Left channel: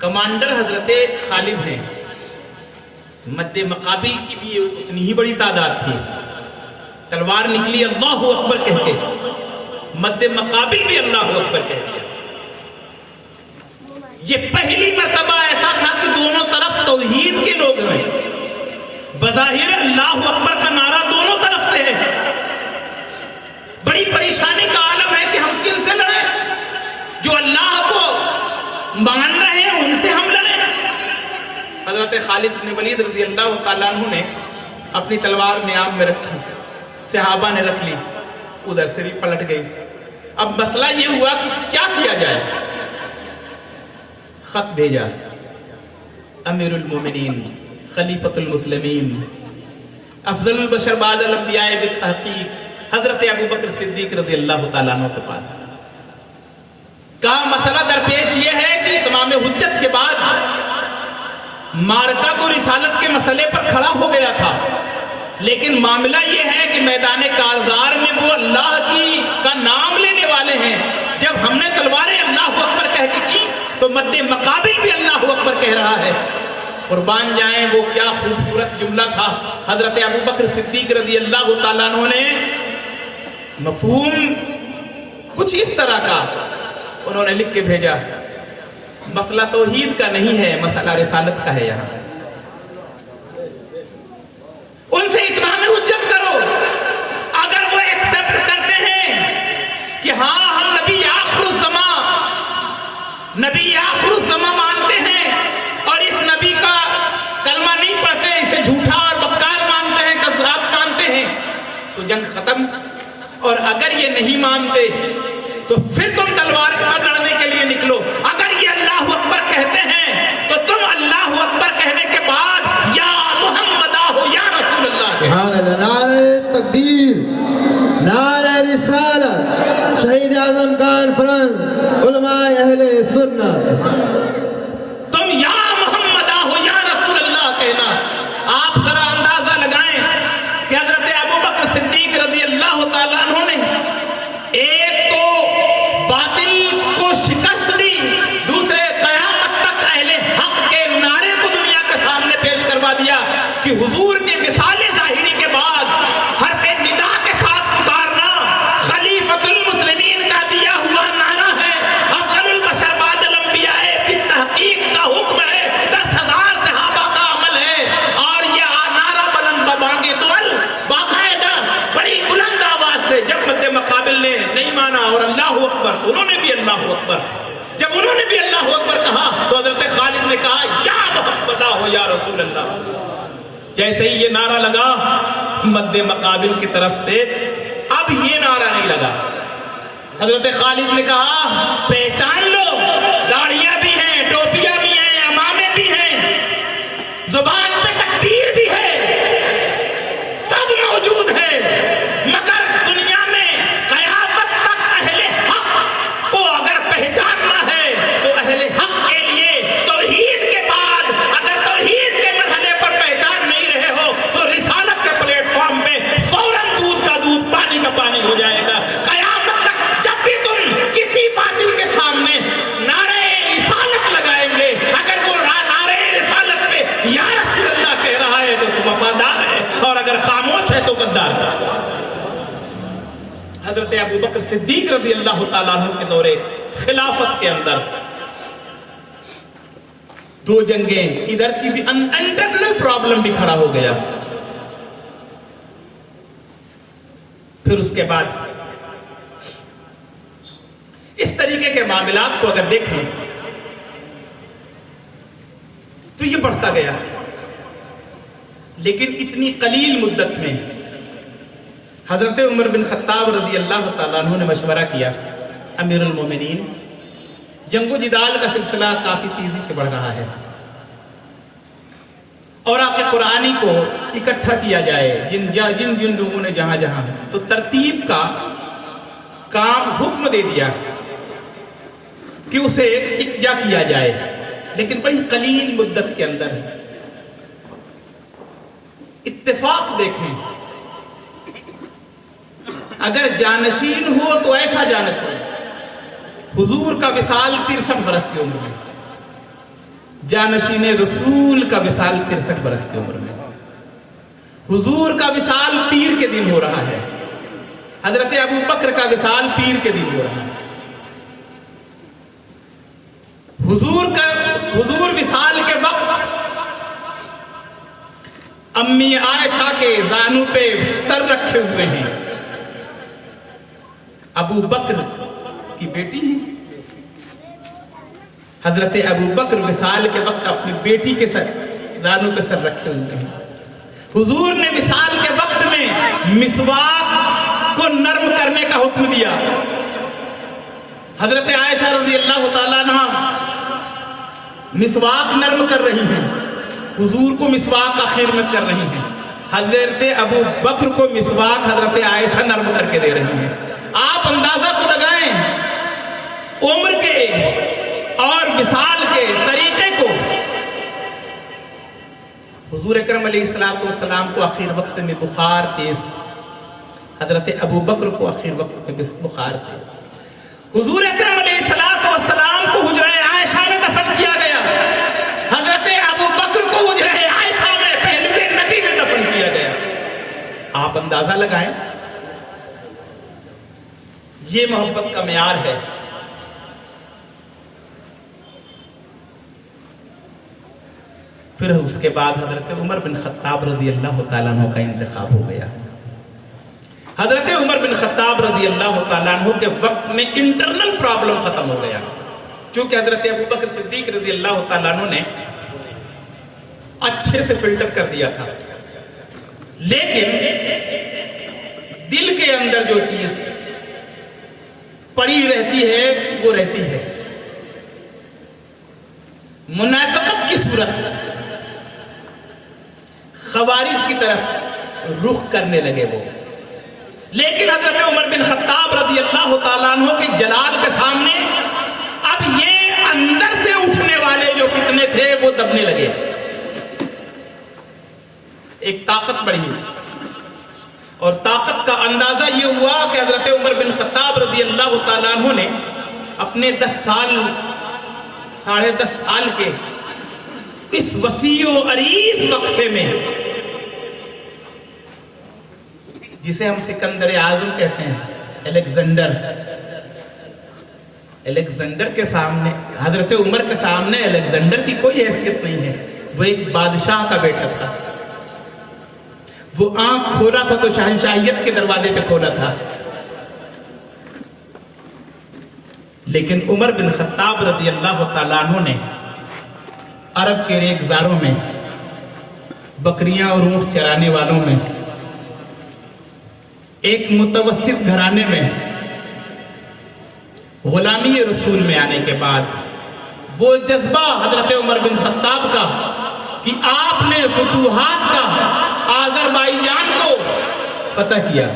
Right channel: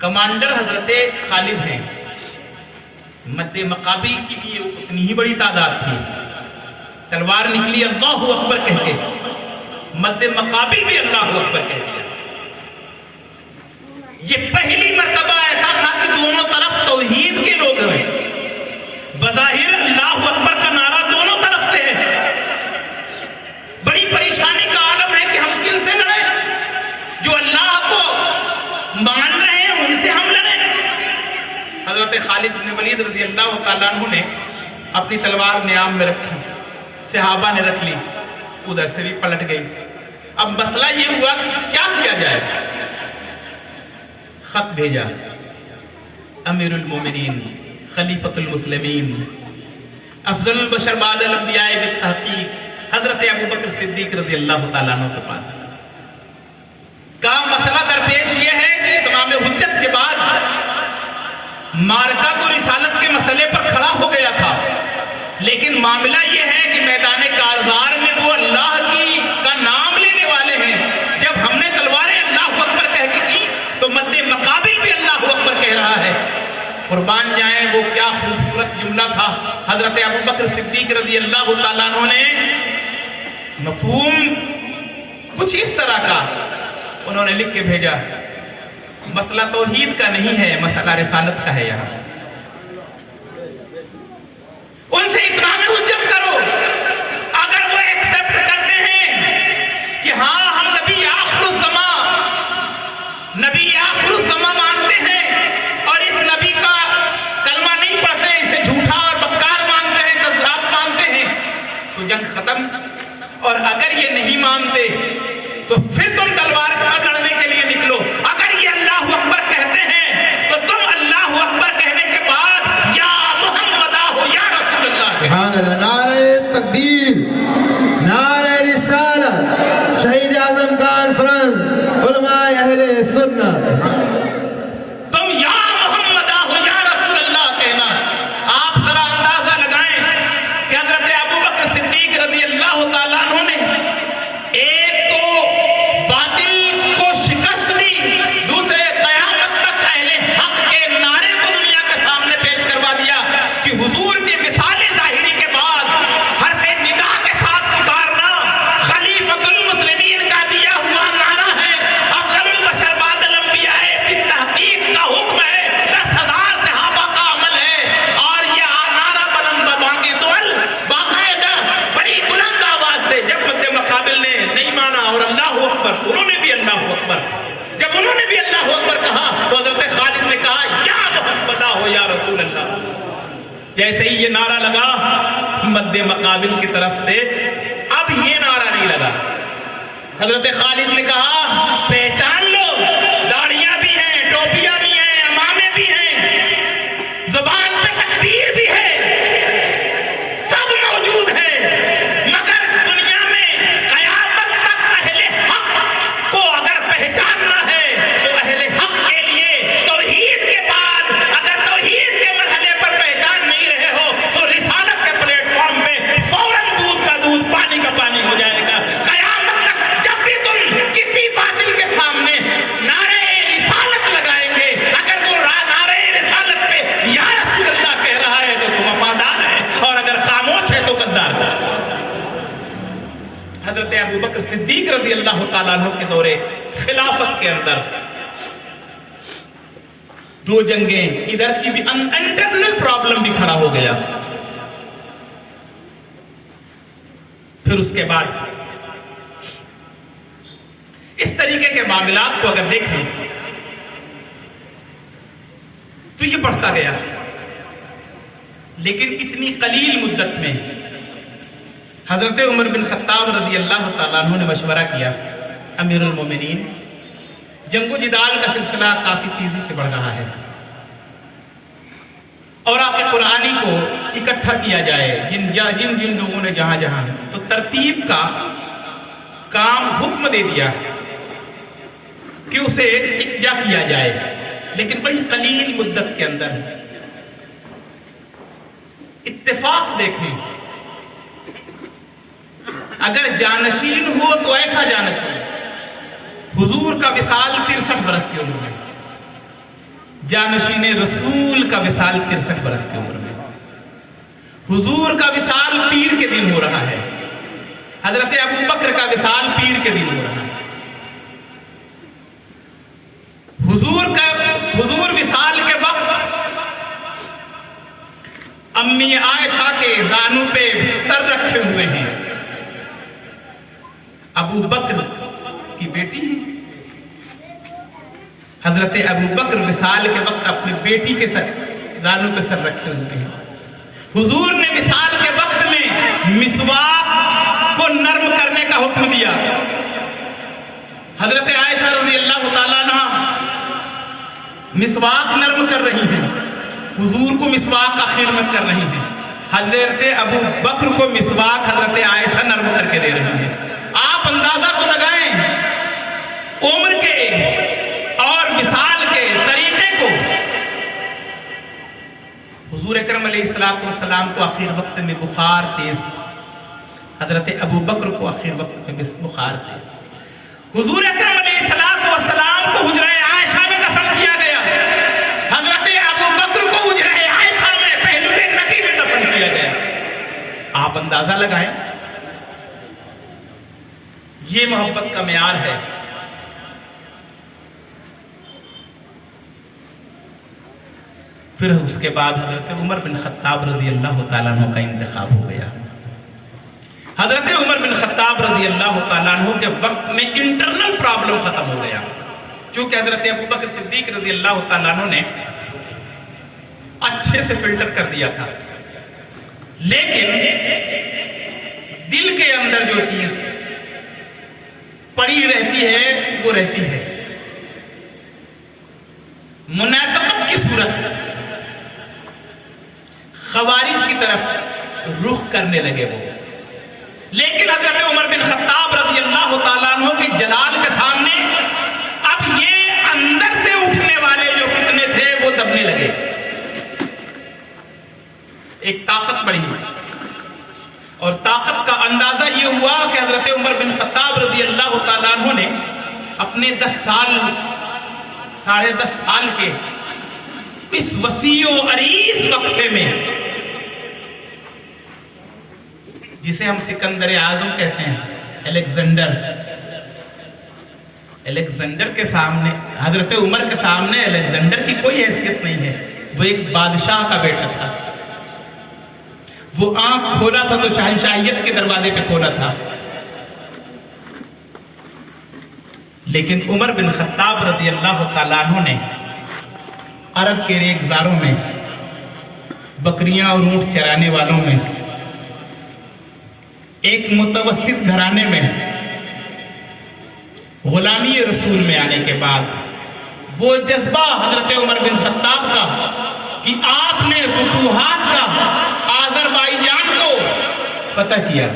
Commander حضرت خالد ہیں. مد مقابل کی بھی اتنی ہی بڑی تعداد تھی. تلوار نکلی اللہ اکبر کہہ کے, مد مقابل بھی اللہ اکبر کہہ دیا. یہ پہلی مرتبہ ایسا تھا کہ دونوں طرف توحید کے لوگ ہیں. بظاہر اللہ اکبر کا نعرہ دونوں طرف سے ہے. بڑی پریشانی کا عالم ہے کہ ہم کن سے لڑیں. جو اللہ کو مان رہے ہیں ان سے ہم لڑیں. حضرت خالد بن ولید رضی اللہ تعالیٰ عنہ نے اپنی تلوار نیام میں رکھی, صحابہ نے رکھ لی, ادھر سے بھی پلٹ گئی. اب مسئلہ یہ ہوا کہ کیا کیا جائے. خط بھیجا امیر المومنین خلیفۃ المسلمین افضل البشر بعد الانبیاء بالتحقیق حضرت ابوبکر صدیق رضی اللہ تعالیٰ عنہ کے پاس. کہا مسئلہ درپیش یہ ہے کہ تمام حجت کے بعد مارکہ تو رسالت کے مسئلے پر کھڑا ہو گیا تھا, لیکن معاملہ یہ ہے کہ میدان کارزار میں وہ اللہ کا نام لینے والے ہیں. جب ہم نے تلواریں اللہ اکبر کہہ کے کی تو مد مقابل بھی اللہ اکبر کہہ رہا ہے. قربان جائیں وہ کیا خوبصورت جملہ تھا. حضرت ابوبکر صدیق رضی اللہ تعالیٰ عنہ نے مفہوم کچھ اس طرح کا انہوں نے لکھ کے بھیجا, مسئلہ توحید کا نہیں ہے, مسئلہ رسالت کا ہے. یہاں ان سے اتمام حجت کرو. اگر وہ ایکسپٹ کرتے ہیں کہ ہاں ہم نبی آخر الزمان مانتے ہیں اور اس نبی کا کلمہ نہیں پڑھتے, اسے جھوٹا اور بکار مانتے ہیں, کذاب مانتے ہیں, تو جنگ ختم. اور اگر یہ نہیں مانتے تو پھر تم تلوار کا لڑنے کے لیے نکلو. اگر یہ اللہ اکبر کہتے ہیں تو تم اللہ اکبر کہنے کے بعد یا محمد ہو یا رسول اللہ. سبحان اللہ. نعرہ تکبیر, نعرہ رسالت, شہید اعظم کانفرنس, علماء اہل سنت. تم یا محمد ہو یا رسول اللہ کہنا. آپ ذرا اندازہ لگائیں کہ حضرت ابوبکر صدیق رضی اللہ تعالیٰ عنہ نے ایک تو باطل کو شکست دی, دوسرے قیامت تک اہل حق کے نعرے کو دنیا کے سامنے پیش کروا دیا کہ حضور کے وصال ظاہری کے بعد حرف ندا کے ساتھ پکارنا خلیفۃ المسلمین کا دیا ہوا نعرہ ہے, افضل البشر بعد الانبیاء بالتحقیق کا حکم ہے, 10,000 صحابہ کا عمل ہے. اور یہ نعرہ بلند بانگے دول باقاعدہ بڑی بلند آواز سے جب مد مقابل نے نہیں مانا اور اللہ اکبر, انہوں نے بھی اللہ اکبر, جب انہوں نے بھی اللہ اکبر کہا تو حضرت خالد نے کہا یا محمد ہو یا رسول اللہ. جیسے ہی یہ نعرہ لگا مد مقابل کی طرف سے, اب یہ نعرہ نہیں لگا. حضرت خالد نے کہا پہچان لو, داڑیاں بھی ہیں, ٹوپیاں بھی ہیں, امامے بھی ہیں, زبان پہ تکبیر بھی ہے, سب موجود ہے, مگر دنیا میں قیامت تک اہل حق کو اگر پہچاننا ہے تو اہل حق کے لیے توحید کے بعد اگر توحید کے مرحلے پر پہچان نہیں رہے ہو تو رسالت کے پلیٹ فارم پہ فوراً دودھ کا دودھ پانی کا پانی ہو جائے گا. قیامت تک جب بھی تم کسی باطل کے سامنے نعرہ رسالت لگائیں گے, اگر وہ نعرہ رسالت پہ یا رسول اللہ کہہ رہا ہے تو تم وفادار ہے, اور اگر خاموش ہے تو غدار ہے. حضرت ابوبکر صدیق رضی اللہ تعالیٰ عنہ کے دور خلافت کے اندر دو جنگیں, ادھر کی بھی انٹرنل پرابلم بھی کھڑا ہو گیا. پھر اس کے بعد اس طریقے کے معاملات کو اگر دیکھیں تو یہ بڑھتا گیا, لیکن اتنی قلیل مدت میں حضرت عمر بن خطاب رضی اللہ تعالیٰ عنہ نے مشورہ کیا, امیر المومنین جنگ و جدال کا سلسلہ کافی تیزی سے بڑھ رہا ہے, اور آپ کے قرآنی کو اکٹھا کیا جائے جن لوگوں نے جہاں جہاں, تو ترتیب کا کام حکم دے دیا کہ اسے اکجا کیا جائے, لیکن بڑی قلیل مدت کے اندر اتفاق دیکھیں. اگر جانشین ہو تو ایسا جانشین, حضور کا وصال 63 برس کی عمر میں, जानशीन रसूल का विसाल 63 बरस की उम्र में, हुजूर का विसाल पीर के दिन हो रहा है, हजरत अबू बकर का विसाल पीर के दिन हो रहा है। हुजूर विसाल के वक्त अम्मी आयशा के जानू पे सर रखे हुए हैं, अबू बकर की बेटी है। हजरत अबू बकर विसाल के वक्त अपनी बेटी के सर जानू पे सर रखे हुए हैं। हुजूर ने विसाल के वक्त में मिसवाक को नर्म करने का हुक्म दिया। हजरत आयशा रज़ी अल्लाह ताला अन्हा मिसवाक नर्म कर रही हैं, हुजूर को मिसवाक आखिर में कर रही हैं। हजरत अबू बकर को मिसवाक हजरत आयशा नर्म करके दे रही हैं। आप अंदाजा तो लगाएं उम्र के और विसाल के तरीके को। हुजूर अकरम अलैहिस्सलाम को आखिर वक्त में बुखार तेज, हजरत अबू बकर को आखिर वक्त में बुखार तेज। हुजूर अकरम अलैहिस्सलाम को हुजरा आयशा में दफन किया गया, हजरत अबू बकर को हुजरा आयशा में पहलुए नबी में दफन किया गया। आप अंदाजा लगाएं, ये मोहब्बत का मेयार है। फिर उसके बाद हजरत उमर बिन खत्ताब रज़ी अल्लाह ताला अन्हु का इंतखाब हो गया। हजरत उमर बिन खत्ताब रज़ी अल्लाह ताला अन्हु के वक्त में इंटरनल प्रॉब्लम खत्म हो गया, चूंकि हजरत अबू बकर सिद्दीक रज़ी अल्लाह ताला अन्हु ने अच्छे से फिल्टर कर दिया था, लेकिन दिल के अंदर जो चीज पड़ी रहती है वो रहती है। मुनाफिकत की सूरत खवारिज की तरफ रुख करने लगे वो। लेकिन हजरत उमर बिन खत्ताब रज़ी अल्लाह ताला अन्हु के जलाल के सामने अब ये अंदर से उठने वाले जो फितने थे वो दबने लगे। एक ताकत बढ़ी और ताकत का अंदाजा ये हुआ कि हजरत उमर बिन खत्ताब रज़ी अल्लाह ताला अन्हु ने अपने 10 साल 10.5 साल के इस वसीओ अरीज बक्से में, जिसे हम सिकंदर आजम कहते हैं, अलेक्जेंडर के सामने, हजरत उमर के सामने अलेक्जेंडर की कोई हैसियत नहीं है। वो एक बादशाह का बेटा था, वो आंख खोला था तो शहंशाहियत के दरवाजे पे खोला था। लेकिन उमर बिन खत्ताब रज़ी अल्लाह ताला अन्हु ने अरब के रेगजारों में, बकरियां और ऊंट चराने वालों में, एक मुतवस्सित घराने में गुलामी रसूल में आने के बाद वो जज्बा हजरत उमर बिन खत्ताब का कि आपने फुतूहात का आज़रबाईजान को फतह किया,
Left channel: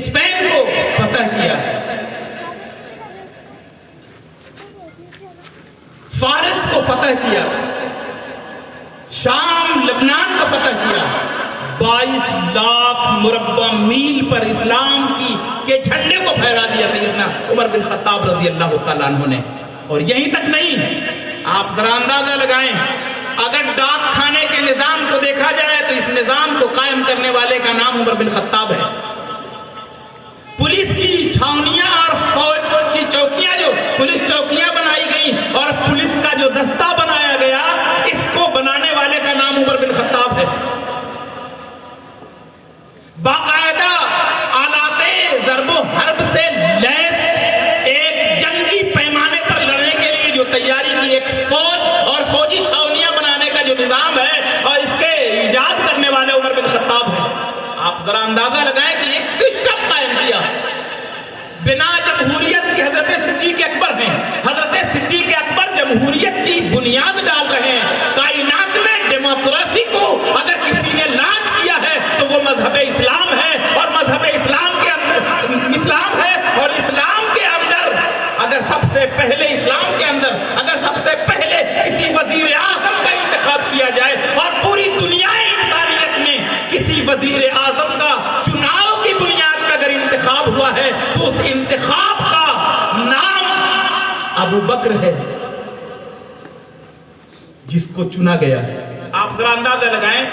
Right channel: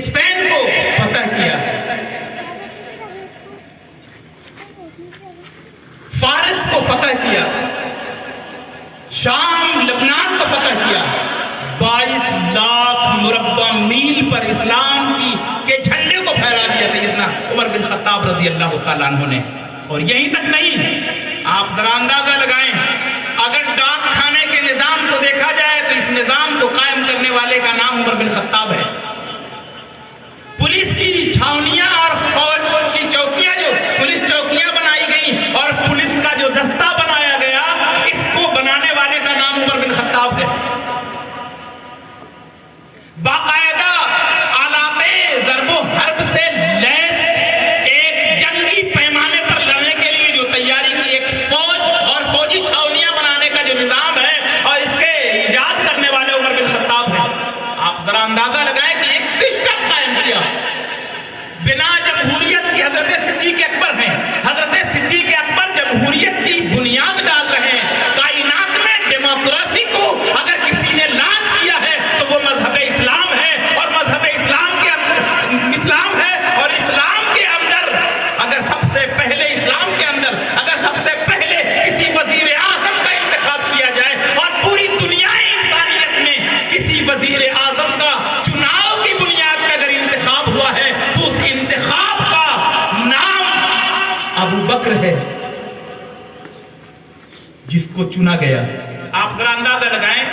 स्पेन को फतह किया, फारिस को फतह किया, शाम लबनान को फतह किया, 22 लाख मुरब्बा मील पर इस्लाम के झंडे को फहरा दिया सैयदना उमर बिन खत्ताब रज़ी अल्लाह ताला अन्हु ने। और यहीं तक नहीं, आप जरा अंदाजा लगाएं, अगर डाक खाने के निजाम को देखा जाए तो इस निजाम को कायम करने वाले का नाम उमर बिन खत्ताब है। पुलिस की छावनियां और फौज की चौकियां, जो पुलिस चौकियां बनाई गई और पुलिस का जो दस्ता बनाया गया, इसको बनाने वाले का नाम उमर बिन खत्ताब है। बाकायदा आलाते ज़रबो हर्ब से लैस एक जंगी पैमाने पर लड़ने के लिए जो तैयारी की एक फौज और फौजी छावनियां बनाने का जो निजाम है, और इसके इजाद करने वाले उमर बिन खत्ताब है। आप जरा अंदाजा लगाएं कि एक सिस्टम कायम किया बिना जमहूरियत की। हजरत सिद्दीक अकबर हैं, हजरत सिद्दीक अकबर जमहूरियत की बुनियाद डाल रहे हैं। कायनात में डेमोक्रेसी को अगर किसी ने लॉन्च किया है तो वो मजहब इस्लाम है, और मजहब इस्लाम के अंदर इस्लाम है, और इस्लाम के अंदर अगर सबसे पहले इस्लाम के अंदर अगर सबसे पहले किसी वजीर आजम का इंतखाब किया जाए और पूरी दुनिया इंसानियत में किसी वजीर आजम का चुनाव की बुनियाद पर अगर इंतखाब हुआ है तो उस इंतखाब का नाम अबू बकर है। जिसको चुना गया, आप जरा अंदाजा लगाएं,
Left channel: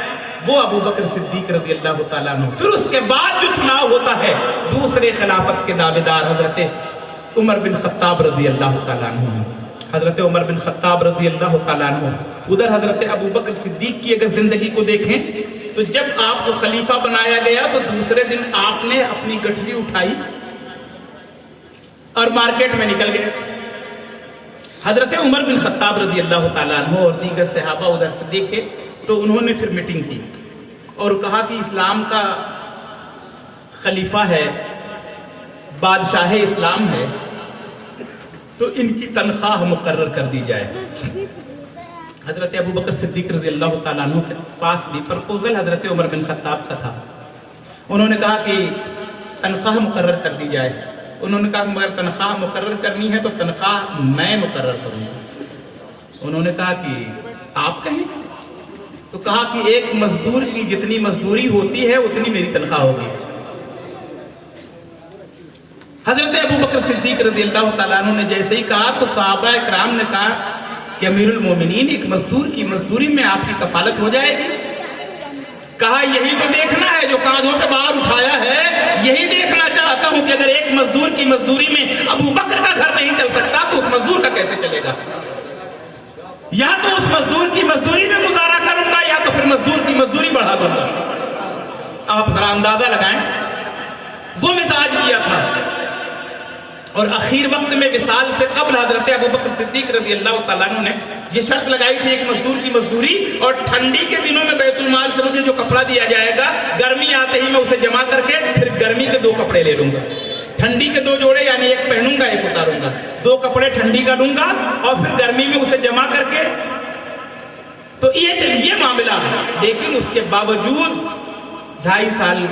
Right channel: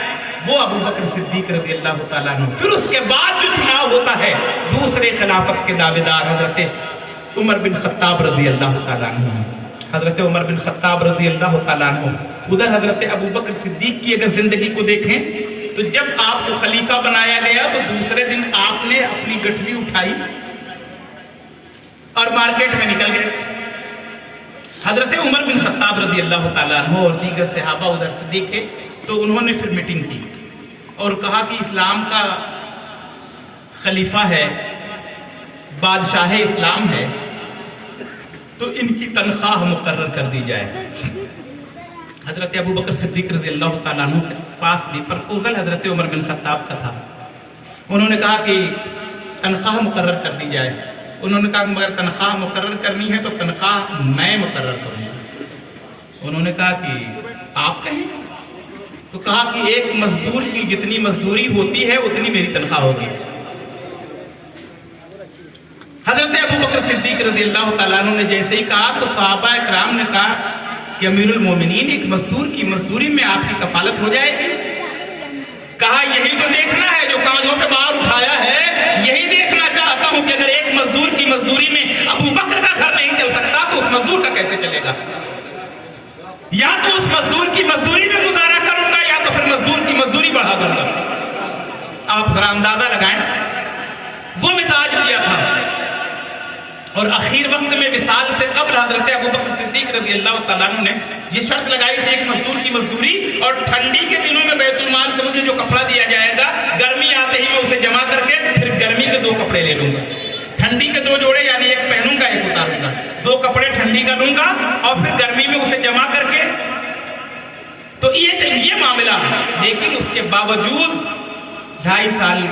वो अबू बकर सिद्दीक रज़ी अल्लाह तआला अन्हु। फिर उसके बाद जो चुनाव होता है दूसरे खिलाफत के दावेदार हजरत उमर बिन खत्ताब रज़ी अल्लाह तआला अन्हु हैं। हजरत उमर बिन खत्ताब रज़ी अल्लाह तआला अन्हु, उधर हजरत अबू बकर सिद्दीक की अगर जिंदगी को देखें तो जब आपको खलीफा बनाया गया तो दूसरे दिन आपने अपनी गठरी उठाई और मार्केट में निकल गए। हजरत उमर बिन खत्ताब रज़ी अल्लाह तआला अन्हु और दीगर सहाबा उधर से देखे तो उन्होंने फिर मीटिंग की और कहा कि इस्लाम का खलीफा है, बादशाह इस्लाम है, तो इनकी तनख्वाह मुकर्रर कर दी जाए। हजरत अबू बकर सिद्दीक रज़ी अल्लाह तआला अन्हु के पास भी प्रपोजल हजरत उमर बिन खत्ताब का था। उन्होंने कहा कि तनख्वाह मुकर्रर कर दी जाए। उन्होंने कहा मगर तनख्वाह मुकर्रर करनी है तो तनख्वाह मैं मुकर्रर करूँगा। उन्होंने कहा कि आप कहें, तो कहा कि एक मजदूर की जितनी मजदूरी होती है उतनी मेरी तनख्वाह होगी। हजरत अबू बकर सिद्दीक रज़ी अल्लाह तआला अन्हु ने जैसे ही कहा तो सहाबा इकराम ने कहा कि अमीरुल मोमिनीन, एक मजदूर की मजदूरी में आपकी कफालत हो जाएगी। कहा यही तो देखना है जो कांधों पे भार उठाया है, यही देखना चाहता हूं कि अगर एक मजदूर की मजदूरी में अबू बकर का घर नहीं चल सकता तो उस मजदूर का कैसे चलेगा। या तो उस मजदूर की मजदूरी में गुजारा करूंगा या तो फिर मजदूर की मजदूरी बढ़ा दूंगा। आप जरा अंदाजा लगाएं, वो मिजाज किया था। और आखिर वक्त में विसाल से कब्ल हजरत अबू बकर सिद्दीक रज़ी अल्लाह तआला अन्हु ने ये शर्त लगाई थी कि मजदूर की मजदूरी और ठंडी के दिनों में बैतुल माल से मुझे जो कपड़ा दिया जाएगा, गर्मी आते ही मैं उसे जमा करके फिर गर्मी के 2 कपड़े ले लूंगा। ठंडी के 2 जोड़े यानी एक पहनूंगा एक उतारूंगा, 2 कपड़े ठंडी का लूंगा और फिर गर्मी में उसे जमा करके, तो ये मामला है। लेकिन उसके बावजूद 2.5 साल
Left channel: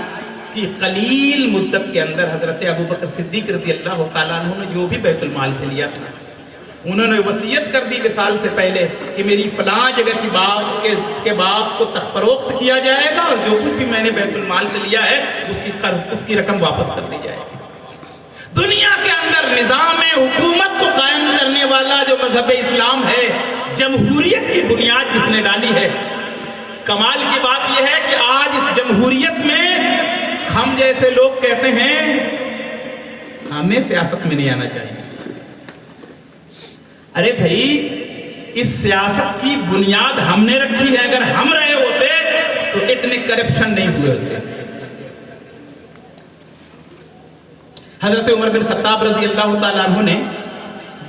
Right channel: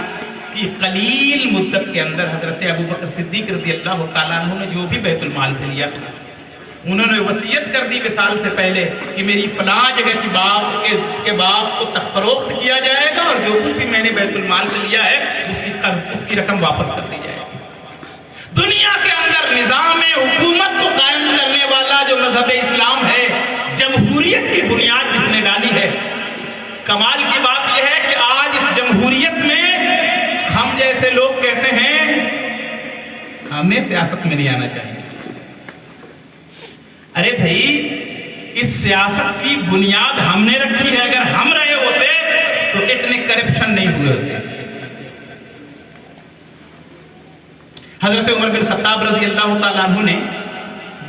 की कलील मुद्दत के अंदर हजरत अबू बकर सिद्दीक रज़ी अल्लाह तआला अन्हु ने जो भी बैतुल माल से लिया था, उन्होंने वसीयत कर दी विसाल से पहले कि मेरी फलां जगह की बाग को फरोख्त किया जाएगा और जो कुछ भी मैंने बैतुल माल से लिया है उसकी रकम वापस कर दी जाएगी। दुनिया के अंदर निज़ाम हुकूमत को कायम करने वाला जो मजहब इस्लाम है, जमहूरियत की बुनियाद जिसने डाली है, कमाल की बात यह है कि आज इस जमहूरियत में हम जैसे लोग कहते हैं हमें सियासत में नहीं आना चाहिए। अरे भाई, इस सियासत की बुनियाद हमने रखी है, अगर हम रहे होते तो इतने करप्शन नहीं हुए होते। हजरत उमर बिन खत्ताब रज़ी अल्लाह तआला अन्हु ने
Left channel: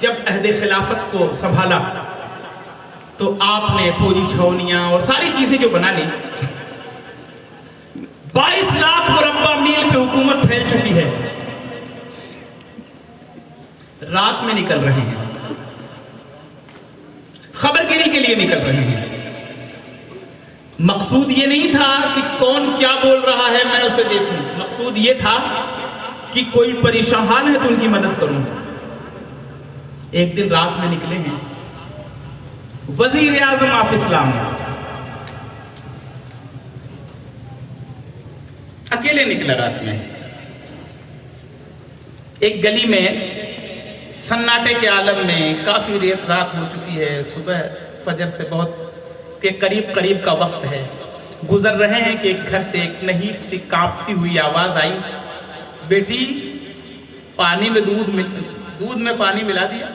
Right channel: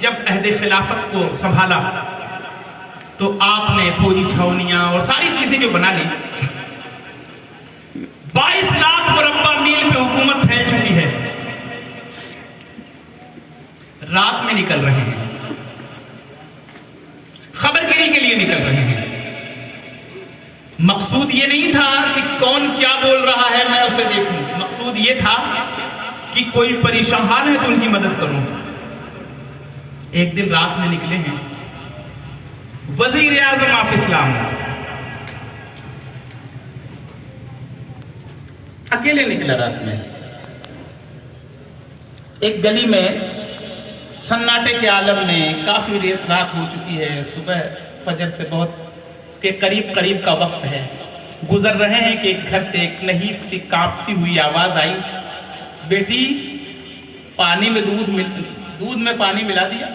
जब अहद खिलाफत को संभाला तो आपने फौजी छावनियां और सारी चीजें जो बना ली, 22 लाख मुरब्बा मील पे हुकूमत फैल चुकी है। रात में निकल रहे हैं, खबरगिरी के लिए निकल रहे हैं। मकसूद ये नहीं था कि कौन क्या बोल रहा है मैं उसे देखूं, मकसूद ये था कि कोई परेशान है तो उनकी मदद करूं। एक दिन रात में निकले हैं, वजीर आजम ऑफ इस्लाम अकेले निकला रात में। एक गली में सन्नाटे के आलम में, काफी रात हो चुकी है, सुबह फजर से बहुत के करीब का वक्त है, गुजर रहे हैं कि एक घर से एक नहीफ सी कांपती हुई आवाज आई, बेटी पानी में दूध में पानी मिला दिया।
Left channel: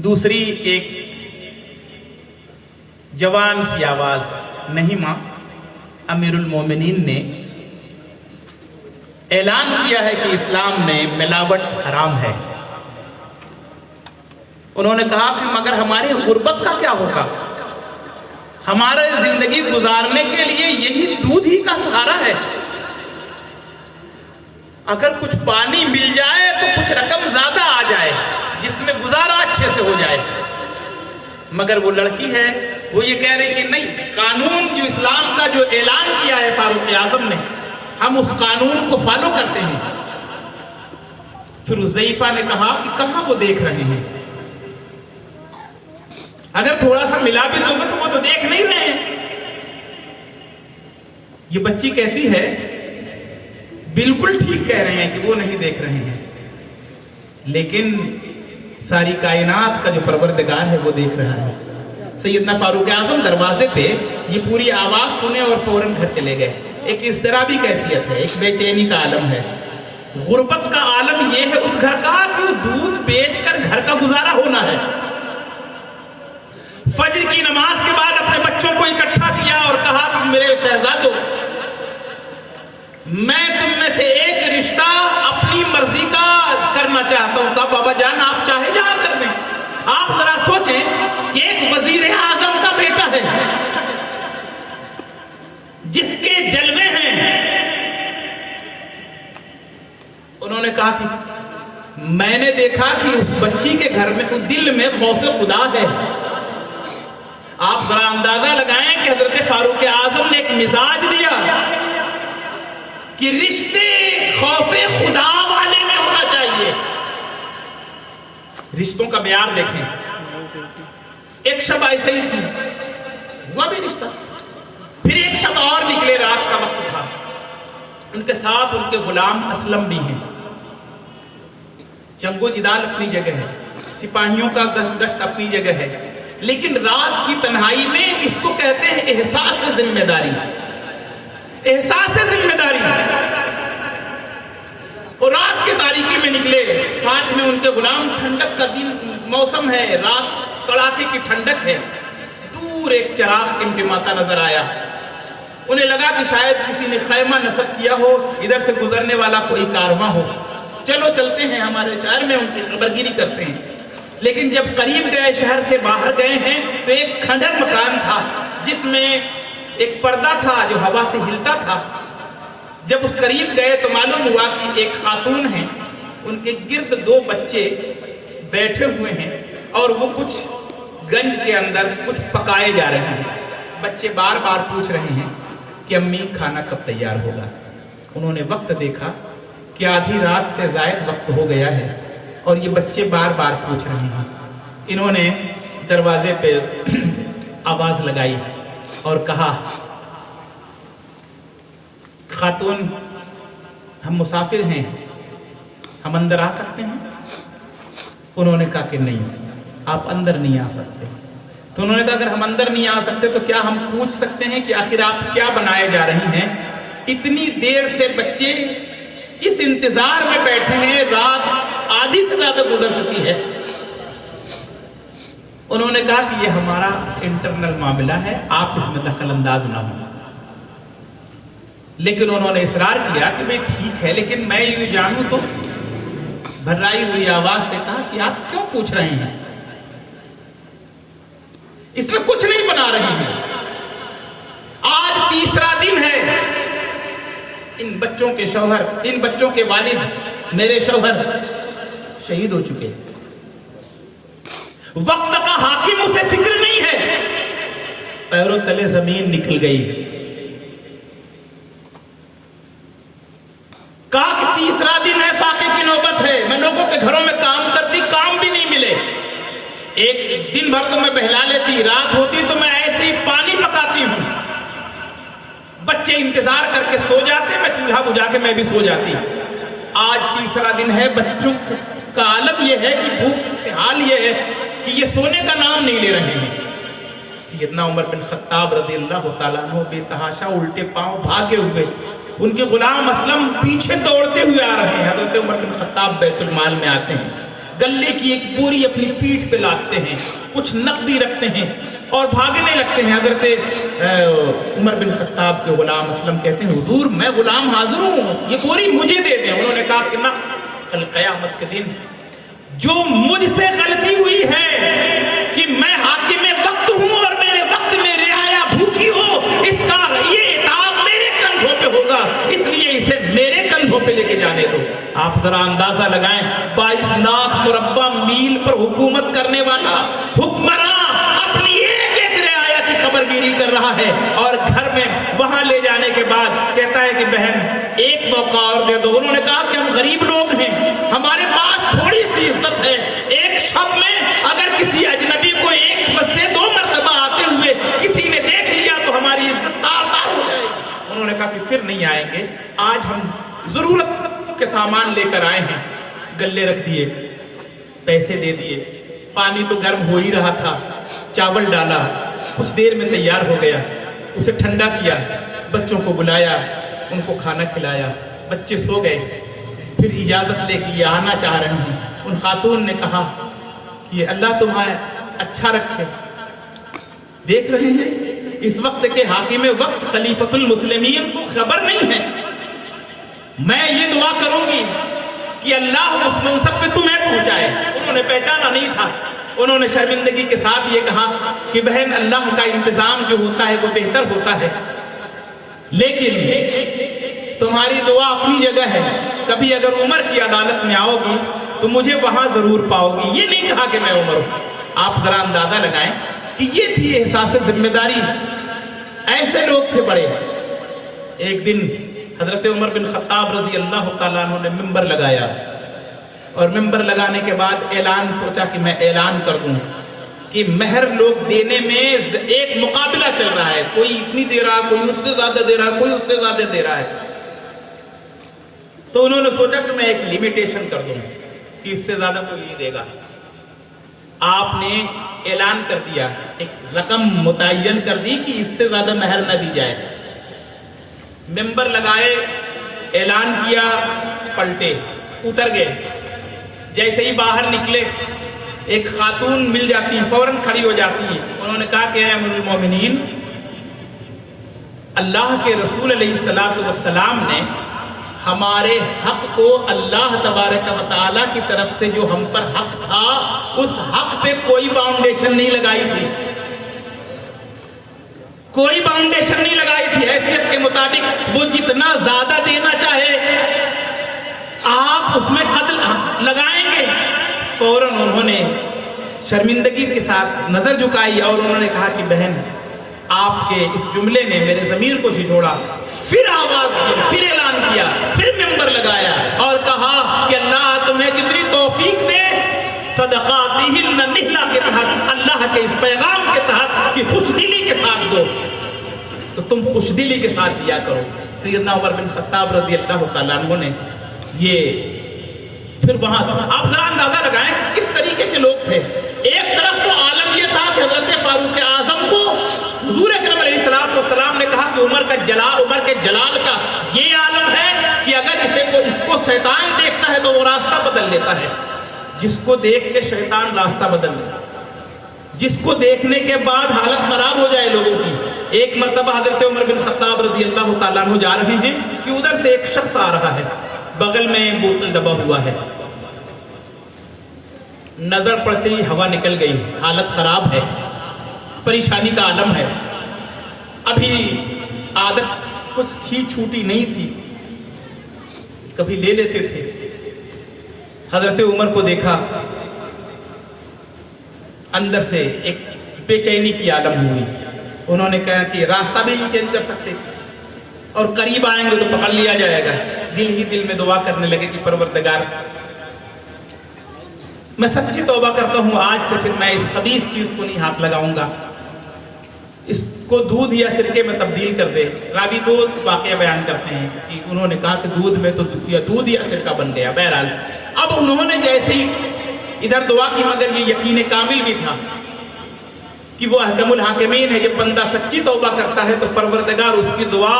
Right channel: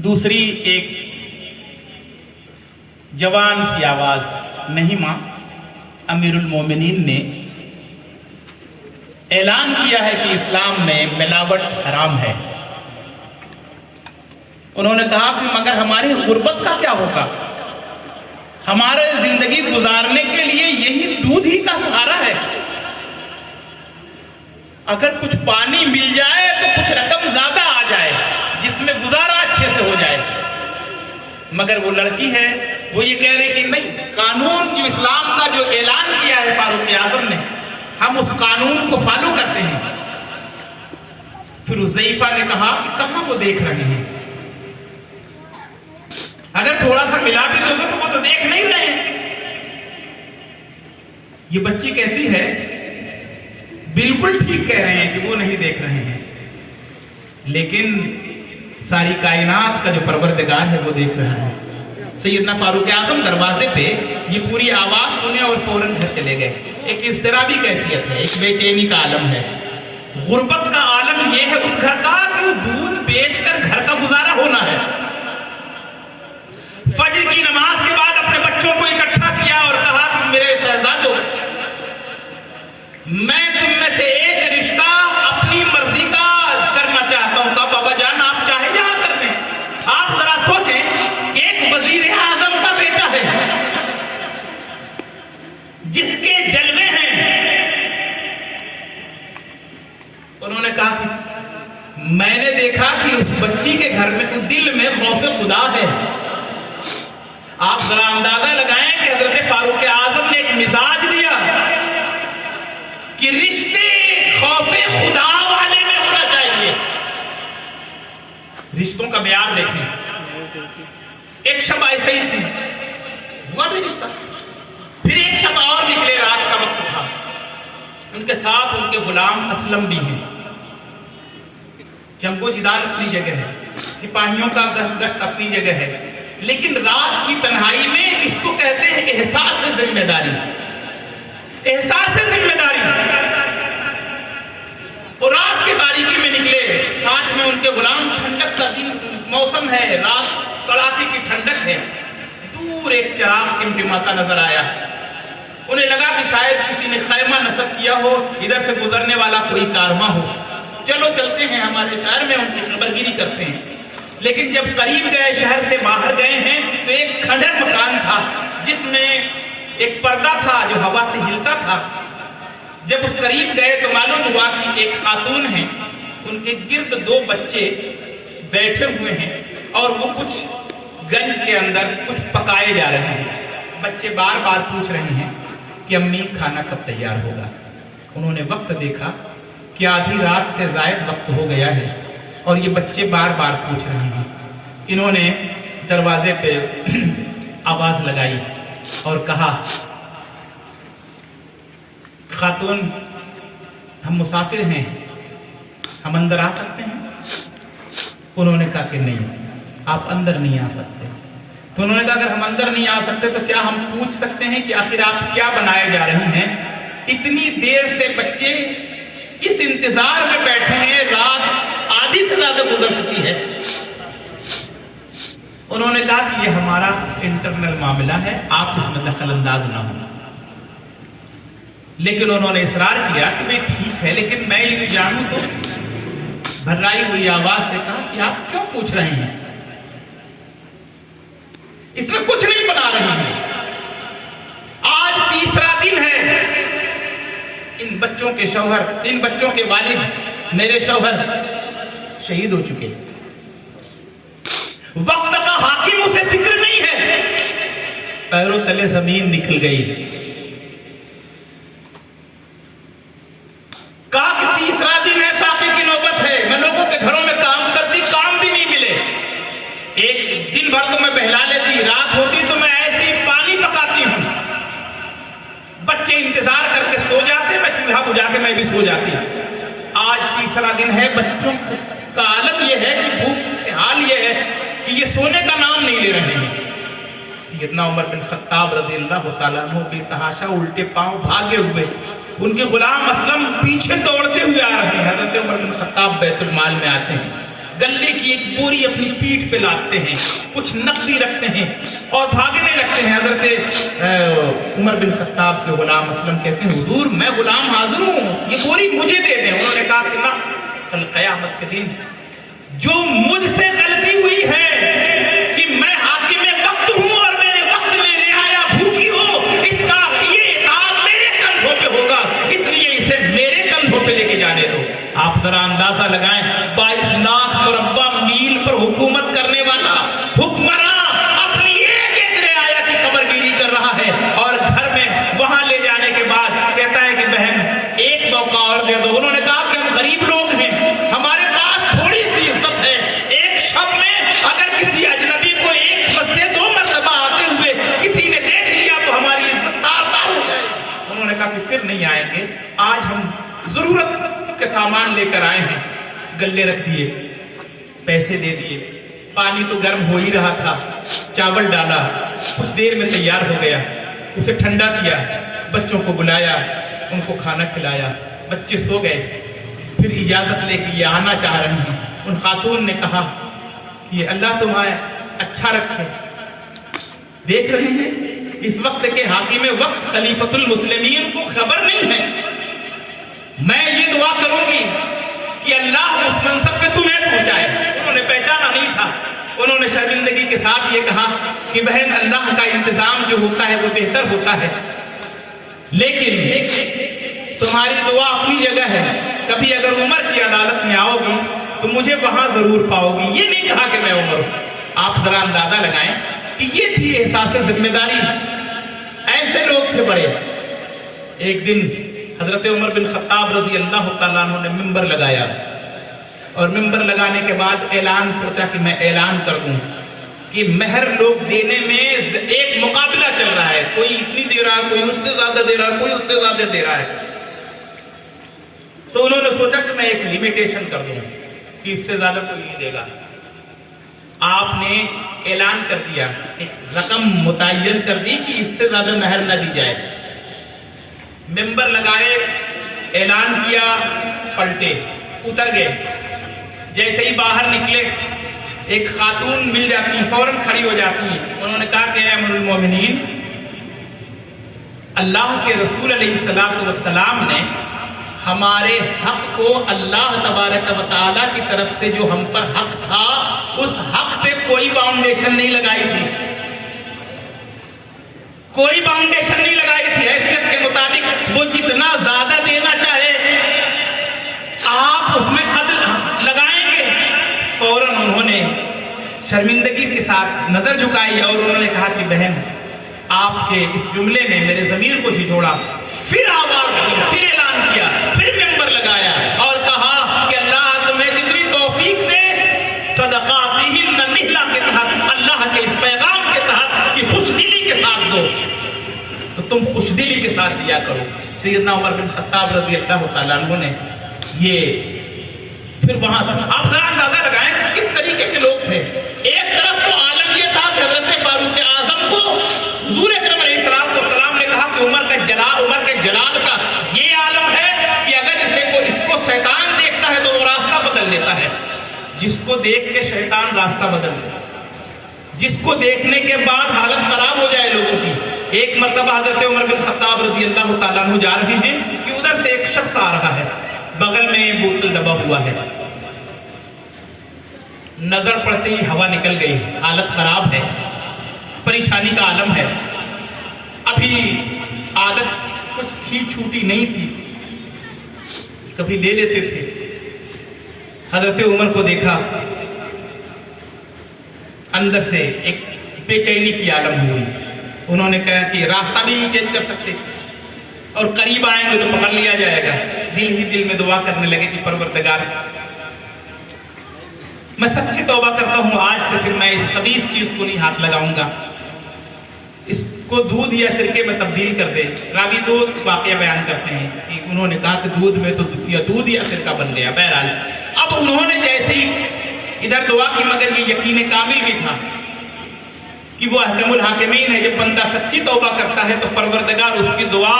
दूसरी एक जवान सी आवाज, नहीं मां, अमीरुल मोमिनीन ने ऐलान किया है कि इस्लाम में मिलावट हराम है। उन्होंने कहा कि मगर हमारी गुर्बत का क्या होगा, हमारे जिंदगी गुजारने के लिए यही दूध ही का सहारा है। अगर कुछ पानी मिल जाए तो कुछ रकम ज्यादा आ जाए जिसमें गुजारा अच्छे से हो जाए। मगर वो लड़की है, वो ये कह रही कि नहीं, कानून जो इस्लाम का जो ऐलान किया है फारूक आजम ने, हम उस कानून को फॉलो करते हैं। फिर हुज़ैफा ने कहा कि कहां वो देख रहे हैं, अगर थोड़ा सा मिला भी दोगे तो वो तो देख नहीं रहे हैं। ये बच्ची कहती है बिल्कुल ठीक कह रहे हैं कि वो नहीं देख रहे हैं, लेकिन सारी कायनात का जो परवरदिगार है वो देख रहा है। सैयदना फारूक आजम दरवाजे पे ये पूरी आवाज सुने और फौरन घर चले गए। एक इज़्तिराबी कैफियत है, एक बेचैनी का आलम है, गुर्बत का आलम ये है उस घर का कि वो दूध बेचकर घर का गुजारा होना है। फजर की नमाज के बाद अपने बच्चों को इकट्ठा किया और कहा कि मेरे शहजादों, मैं तुम में से एक रिश्ता अपनी मर्जी का करना चाहता हूं। कहा बाबा जान आप चाहे जहां कर दें। आप जरा सोचें कि एक वजीर आजम का बेटा है जिसके जलवे हैं। उन्होंने कहा कि मैंने देखा कि उस बच्ची के घर में दिल में खौफ खुदा है। आप जरा अंदाजा लगाएं कि हजरत फारूक आजम ने एक मिजाज दिया कि रिश्ते खौफ खुदा वाले में होना चाहिए। रिश्तों का म्यार देखें। एक शब ऐसे ही थी, हुआ भी रिश्ता। फिर एक शब और निकले, रात का वक्त था, उनके साथ उनके गुलाम असलम भी हैं। जंगो जिदाल अपनी जगह है, सिपाहियों का गश्त अपनी जगह है, लेकिन रात की तन्हाई में इसको कहते हैं एहसास से जिम्मेदारी। एहसास से जिम्मेदारी। और रात की तारीकी में निकले, साथ में उनके गुलाम। ठंडक का दिन मौसम है, रात कड़ाके की ठंडक है। दूर एक चिराग टिमटिमाता नजर आया। उन्हें लगा कि शायद किसी ने खैमा नस्ब किया हो, इधर से गुजरने वाला कोई कारवां हो। चलो चलते हैं हमारे शहर में, उनकी खबरगिरी करते हैं। लेकिन जब करीब गए, शहर से बाहर गए हैं, तो एक खंडर मकान था जिसमें एक पर्दा था जो हवा से हिलता था। जब उस करीब गए तो मालूम हुआ कि एक खातून है, उनके गिर्द 2 बच्चे बैठे हुए हैं और वो कुछ गंज के अंदर कुछ पकाए जा रहे हैं। बच्चे बार बार पूछ रहे हैं कि अम्मी खाना कब तैयार होगा। उन्होंने वक्त देखा कि आधी रात से ज़ायद वक्त हो गया है और ये बच्चे बार बार पूछ रहे हैं। इन्होंने दरवाजे पे आवाज़ लगाई और कहा, खातून हम मुसाफिर हैं, हम अंदर आ सकते हैं? उन्होंने कहा कि नहीं, आप अंदर नहीं आ सकते। तो उन्होंने कहा अगर हम अंदर नहीं आ सकते तो क्या हम पूछ सकते हैं कि आखिर आप क्या बनाए जा रही हैं? इतनी देर से बच्चे इस इंतजार में बैठे हैं, रात आधी से ज्यादा गुजर चुकी है। उन्होंने कहा कि ये हमारा इंटरनल मामला है, आप इसमें दखल अंदाज ना होना। लेकिन उन्होंने इसरार किया कि भाई ठीक है, लेकिन मैं ये जानूं तो। भर्राई हुई आवाज से कहा कि आप क्यों पूछ रही हैं? इसमें कुछ नहीं बना रही हैं। आज तीसरा दिन है। इन बच्चों के शौहर, इन बच्चों के वालिद, मेरे शौहर शहीद हो चुके। वक्त का हाकिम उसे फिक्र नहीं है। पैरों तले जमीन निकल गई। कहा कि तीसरा दिन है, फाके की नौबत है। मैं लोगों के घरों में काम करती, काम भी नहीं मिले। एक दिन भर तो मैं बहला लेती, रात होती तो मैं ऐसे ही पानी पकाती हूं। बच्चे इंतजार करके सो जाते, मैं चूल्हा बुझा के मैं भी सो जाती। आज तीसरा दिन है। बच्चों का आलम यह है कि भूख से हाल यह है कि ये सोने का नाम नहीं ले रहे हैं। सैयदना उमर बिन खत्ताब रज़ियल्लाहु ताला अन्हु बेतहाशा उल्टे पांव भागे हुए, उनके गुलाम असलम पीछे दौड़ते हुए आ रहे हैं। हजरत उमर बिन खत्ताब बैतुल माल में आते हैं, गले की एक बोरी अपनी पीठ पे लादते हैं, कुछ नकदी रखते हैं और भागने लगते हैं। हजरत उमर बिन खत्ताब के गुलाम असलम कहते हैं, हुजूर मैं गुलाम हाजिर हूँ, ये बोरी मुझे दे दें। उन्होंने कहा कि ना, कल क़यामत के दिन जो मुझसे गलती हुई है कि मैं हाकिम वक्त हूँ और मेरे वक्त में रियाया भूखी हो, इसका ये इताब मेरे कंधों पे होगा, इसलिए इसे मेरे कंधों पे लेके जाने दो। आप जरा अंदाजा लगाएं, 22 लाख मुरब्बा मील पर हुकूमत करने वाला हुक्मरान अपनी एक एक रियाया की खबरगिरी कर रहा है और घर में वहां ले जाने के बाद कहता है कि बहन एक मौका और दे दो। उन्होंने कहा कि हम गरीब लोग हैं, हमारे पास थोड़ी सी इज्जत है। एक शब में अगर किसी अजनबी को एक बस से 2 मरतबा आते हुए किसी ने देख लिया तो हमारी इज्जत तार-तार हो जाएगी। उन्होंने कहा कि फिर नहीं आएंगे, आज हम जरूरत के सामान लेकर आए हैं। गले रख दिए, पैसे दे दिए, पानी तो गर्म हो ही रहा था, चावल डाला, कुछ देर में तैयार हो गया, उसे ठंडा किया, बच्चों को बुलाया, उनको खाना खिलाया, बच्चे सो गए। फिर इजाज़त लेके ये आना चाह रहे हैं, उन खातून ने कहा कि अल्लाह तुम्हें अच्छा रखे। देख रहे हैं इस वक्त के हाकिम वक्त खलीफतुल मुस्लिमीन को खबर नहीं है। मैं ये दुआ करूंगी कि अल्लाह उस मनसब पे तुम्हें पहुंचाए। उन्होंने पहचाना नहीं था, उन्होंने शर्मिंदगी के साथ ये कहा कि बहन, अल्लाह का इंतजाम जो होता है वो बेहतर होता है, लेकिन तुम्हारी दुआ अपनी जगह है, कभी अगर उमर की अदालत में आओगी तो मुझे वहां जरूर पाओगी। ये नहीं कहा कि मैं उमर हूं। आप जरा अंदाजा लगाएं कि ये थी एहसास जिम्मेदारी। ऐसे लोग थे बड़े। एक दिन हजरत उमर बिन खत्ताब रजी अल्लाह तआला अन्हु ने मिंबर लगाया, और मिंबर लगाने के बाद ऐलान, सोचा कि मैं ऐलान कर दूं कि महर लोग देने में एक मुकाबला चल रहा है, कोई इतनी दे रहा है, कोई उससे ज्यादा दे रहा है, कोई उससे ज्यादा दे रहा है। तो उन्होंने सोचा कि मैं एक लिमिटेशन कर दूं कि इससे ज्यादा कोई नहीं देगा। आपने ऐलान कर दिया, एक रकम मुतय्यन कर दी कि इससे ज्यादा महर न दी जाए। मिंबर लगाए, ऐलान किया, पलटे, उतर गए। जैसे ही बाहर निकले एक खातून मिल जाती, फौरन खड़ी हो जाती है। उन्होंने कहा कि अमीरुल मोमिनीन, अल्लाह के रसूल अलैहिस्सलातु वस्सलाम ने हमारे हक को अल्लाह तबारक व तआला की तरफ से जो हम पर हक था, उस हक पे कोई बाउंडेशन नहीं लगाई थी, कोई बाउंडेशन नहीं लगाई थी। हैसियत के मुताबिक वो जितना ज्यादा देना चाहे आप उसमें हद लगाएंगे। फौरन उन्होंने शर्मिंदगी के साथ नजर झुकाई और उन्होंने कहा कि बहन, आपके इस जुमले ने मेरे ज़मीर को झिझोड़ा। फिर आवाज दी, फिर ऐलान किया, फिर मिंबर लगाया और कहा कि अल्लाह तुम्हें जितनी तौफीक दे, सदक़ातिहिन्न निहला के तहत, अल्लाह के इस पैगाम के तहत कि खुशदिली के साथ दो, तो तुम खुशदिली के साथ दिया करो। सैयदना उमर बिन खत्ताब रज़ी अल्लाह तआला अन्हु ने ये फिर वहां आप जरा अंदाजा लगाएं किस तरीके के लोग थे। एक तरफ तो आलम ये था कि हज़रत फारूक आज़म को हुज़ूर अकरम अलैहिस्सलाम ने कहा कि उमर के जलाल का ये आलम है कि अगर इसको शैतान देखता है तो वो रास्ता बदल लेता है। जिसको देख के शैतान रास्ता बदल लेता है, जिसको देखने के बाद हालत खराब हो जाए लोगों की। एक मर्तबा हज़रत उमर बिन खत्ताब रज़ी अल्लाह तआला अन्हु जा रहे हैं कि उधर से एक शख्स आ रहा है, बगल में बोतल दबा हुआ है। नजर पड़ते ही हवा निकल गई, हालत खराब है, परेशानी का आलम है। अभी आदत कुछ थी, छूटी नहीं थी, कभी ले लेते थे। हजरत उमर को देखा, अंदर से एक बेचैनी की आलम हुई। उन्होंने कहा कि रास्ता भी नहीं चेंज कर सकते और करीब आएंगे तो पकड़ लिया जाएगा। दिल ही दिल में दुआ करने लगे कि परवरदिगार, मैं सच्ची तौबा करता हूँ, आज से फिर मैं इस खबीस चीज को नहीं हाथ लगाऊंगा, इसको दूध या सिरके में तब्दील कर दे। रावी दो वाक़या बयान करते हैं कि उन्होंने कहा कि दूध में तो दूध या सिरका बन गया। बहरहाल अब उन्होंने जैसे ही इधर दुआ की, मगर ये यकीन कामिल भी था कि वो अहकमुल हाकिमीन है। जब बंदा सच्ची तौबा करता है तो परवरदिगार उसकी दुआ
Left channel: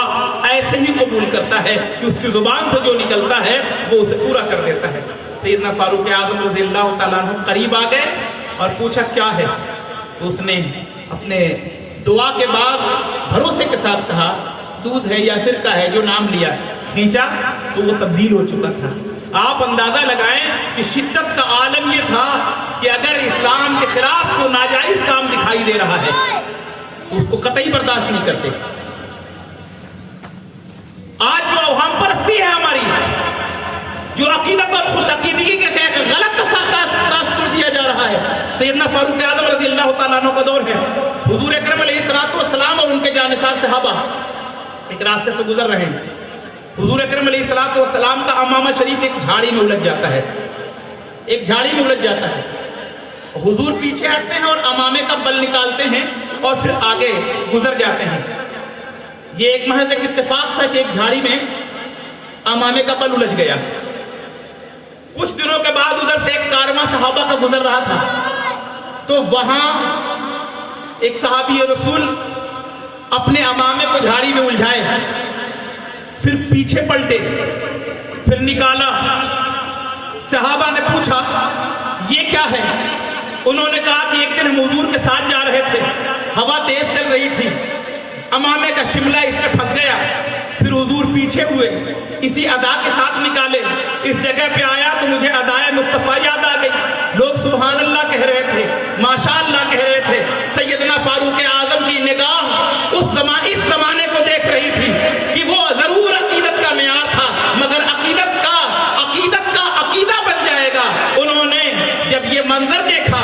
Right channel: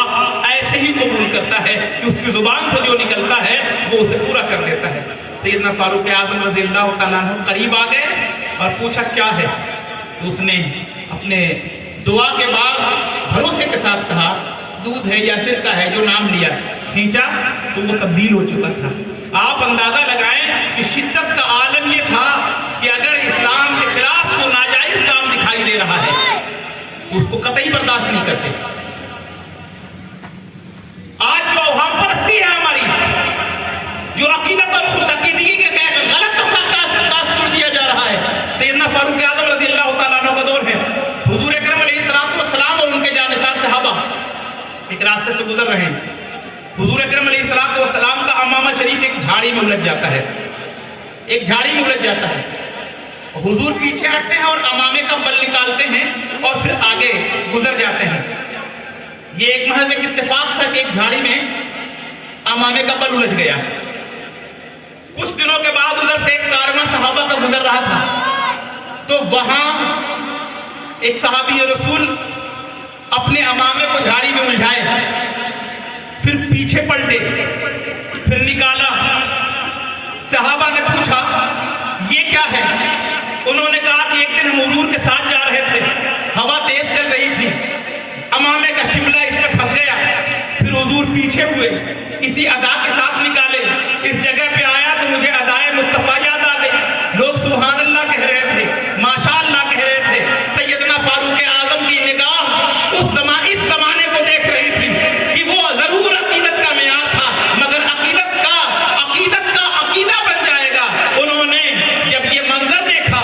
ऐसे ही कबूल करता है कि उसकी जुबान से जो निकलता है वो उसे पूरा कर देता है। सैयदना फारूक आज़म रज़ी अल्लाह तआला अन्हु करीब आ गए और पूछा क्या है। तो उसने अपने दुआ के बाद भरोसे के साथ कहा दूध है या सिरका है, जो नाम लिया, खींचा तो वो तब्दील हो चुका था। आप अंदाजा लगाएं कि शिद्दत का आलम ये था कि अगर इस्लाम के खिलाफ को नाजायज काम दिखाई दे रहा है तो उसको कतई बर्दाश्त नहीं करते। आज जो अवाम परस्ती है हमारी, जो अकीदत और खुश अकीदगी के गलत तासुर दिया जा रहा है। सैयदना फारूक आज़म रज़ी अल्लाह तआला अन्हु का दौर है। हुज़ूर अकरम अलैहिस्सलातु वस्सलाम और उनके जानिसार सहाबा एक रास्ते से गुजर रहे हैं। हुज़ूर अकरम अलैहिस्सलातु वस्सलाम का अमामा शरीफ एक झाड़ी में उलझ जाता है, एक झाड़ी में उलझ जाता है। हुज़ूर पीछे हटते हैं और अमामे का बल निकालते हैं और फिर आगे गुजर जाते हैं। ये एक महज एक इत्तेफाक था कि एक झाड़ी में अमामे का बल उलझ गया। कुछ दिनों के बाद उधर से एक कारवां सहाबा का गुजर रहा था, तो वहां एक सहाबी रसूल अपने अमामे को झाड़ी में उलझाए, फिर पीछे पलटे, फिर निकाला। सहाबा ने पूछा ये क्या है? उन्होंने कहा कि एक दिन हम हुजूर के साथ जा रहे थे, हवा तेज चल रही थी, अमामे का शिमला इसमें फंस गया, फिर हुजूर पीछे हुए, इसी अदा के साथ निकाले, इस जगह पे आया तो मुझे अदाए मुस्तफा याद आ गई। लोग सुभान अल्लाह कह रहे थे, माशा अल्लाह कह रहे थे। सैयदना फारूक आजम की निगाह इस जमाने को देख रही थी कि वो जरूर अकीदत का मेयार था, मगर अकीदा बन जाएगा। उन्होंने जब ये मंजर देखा,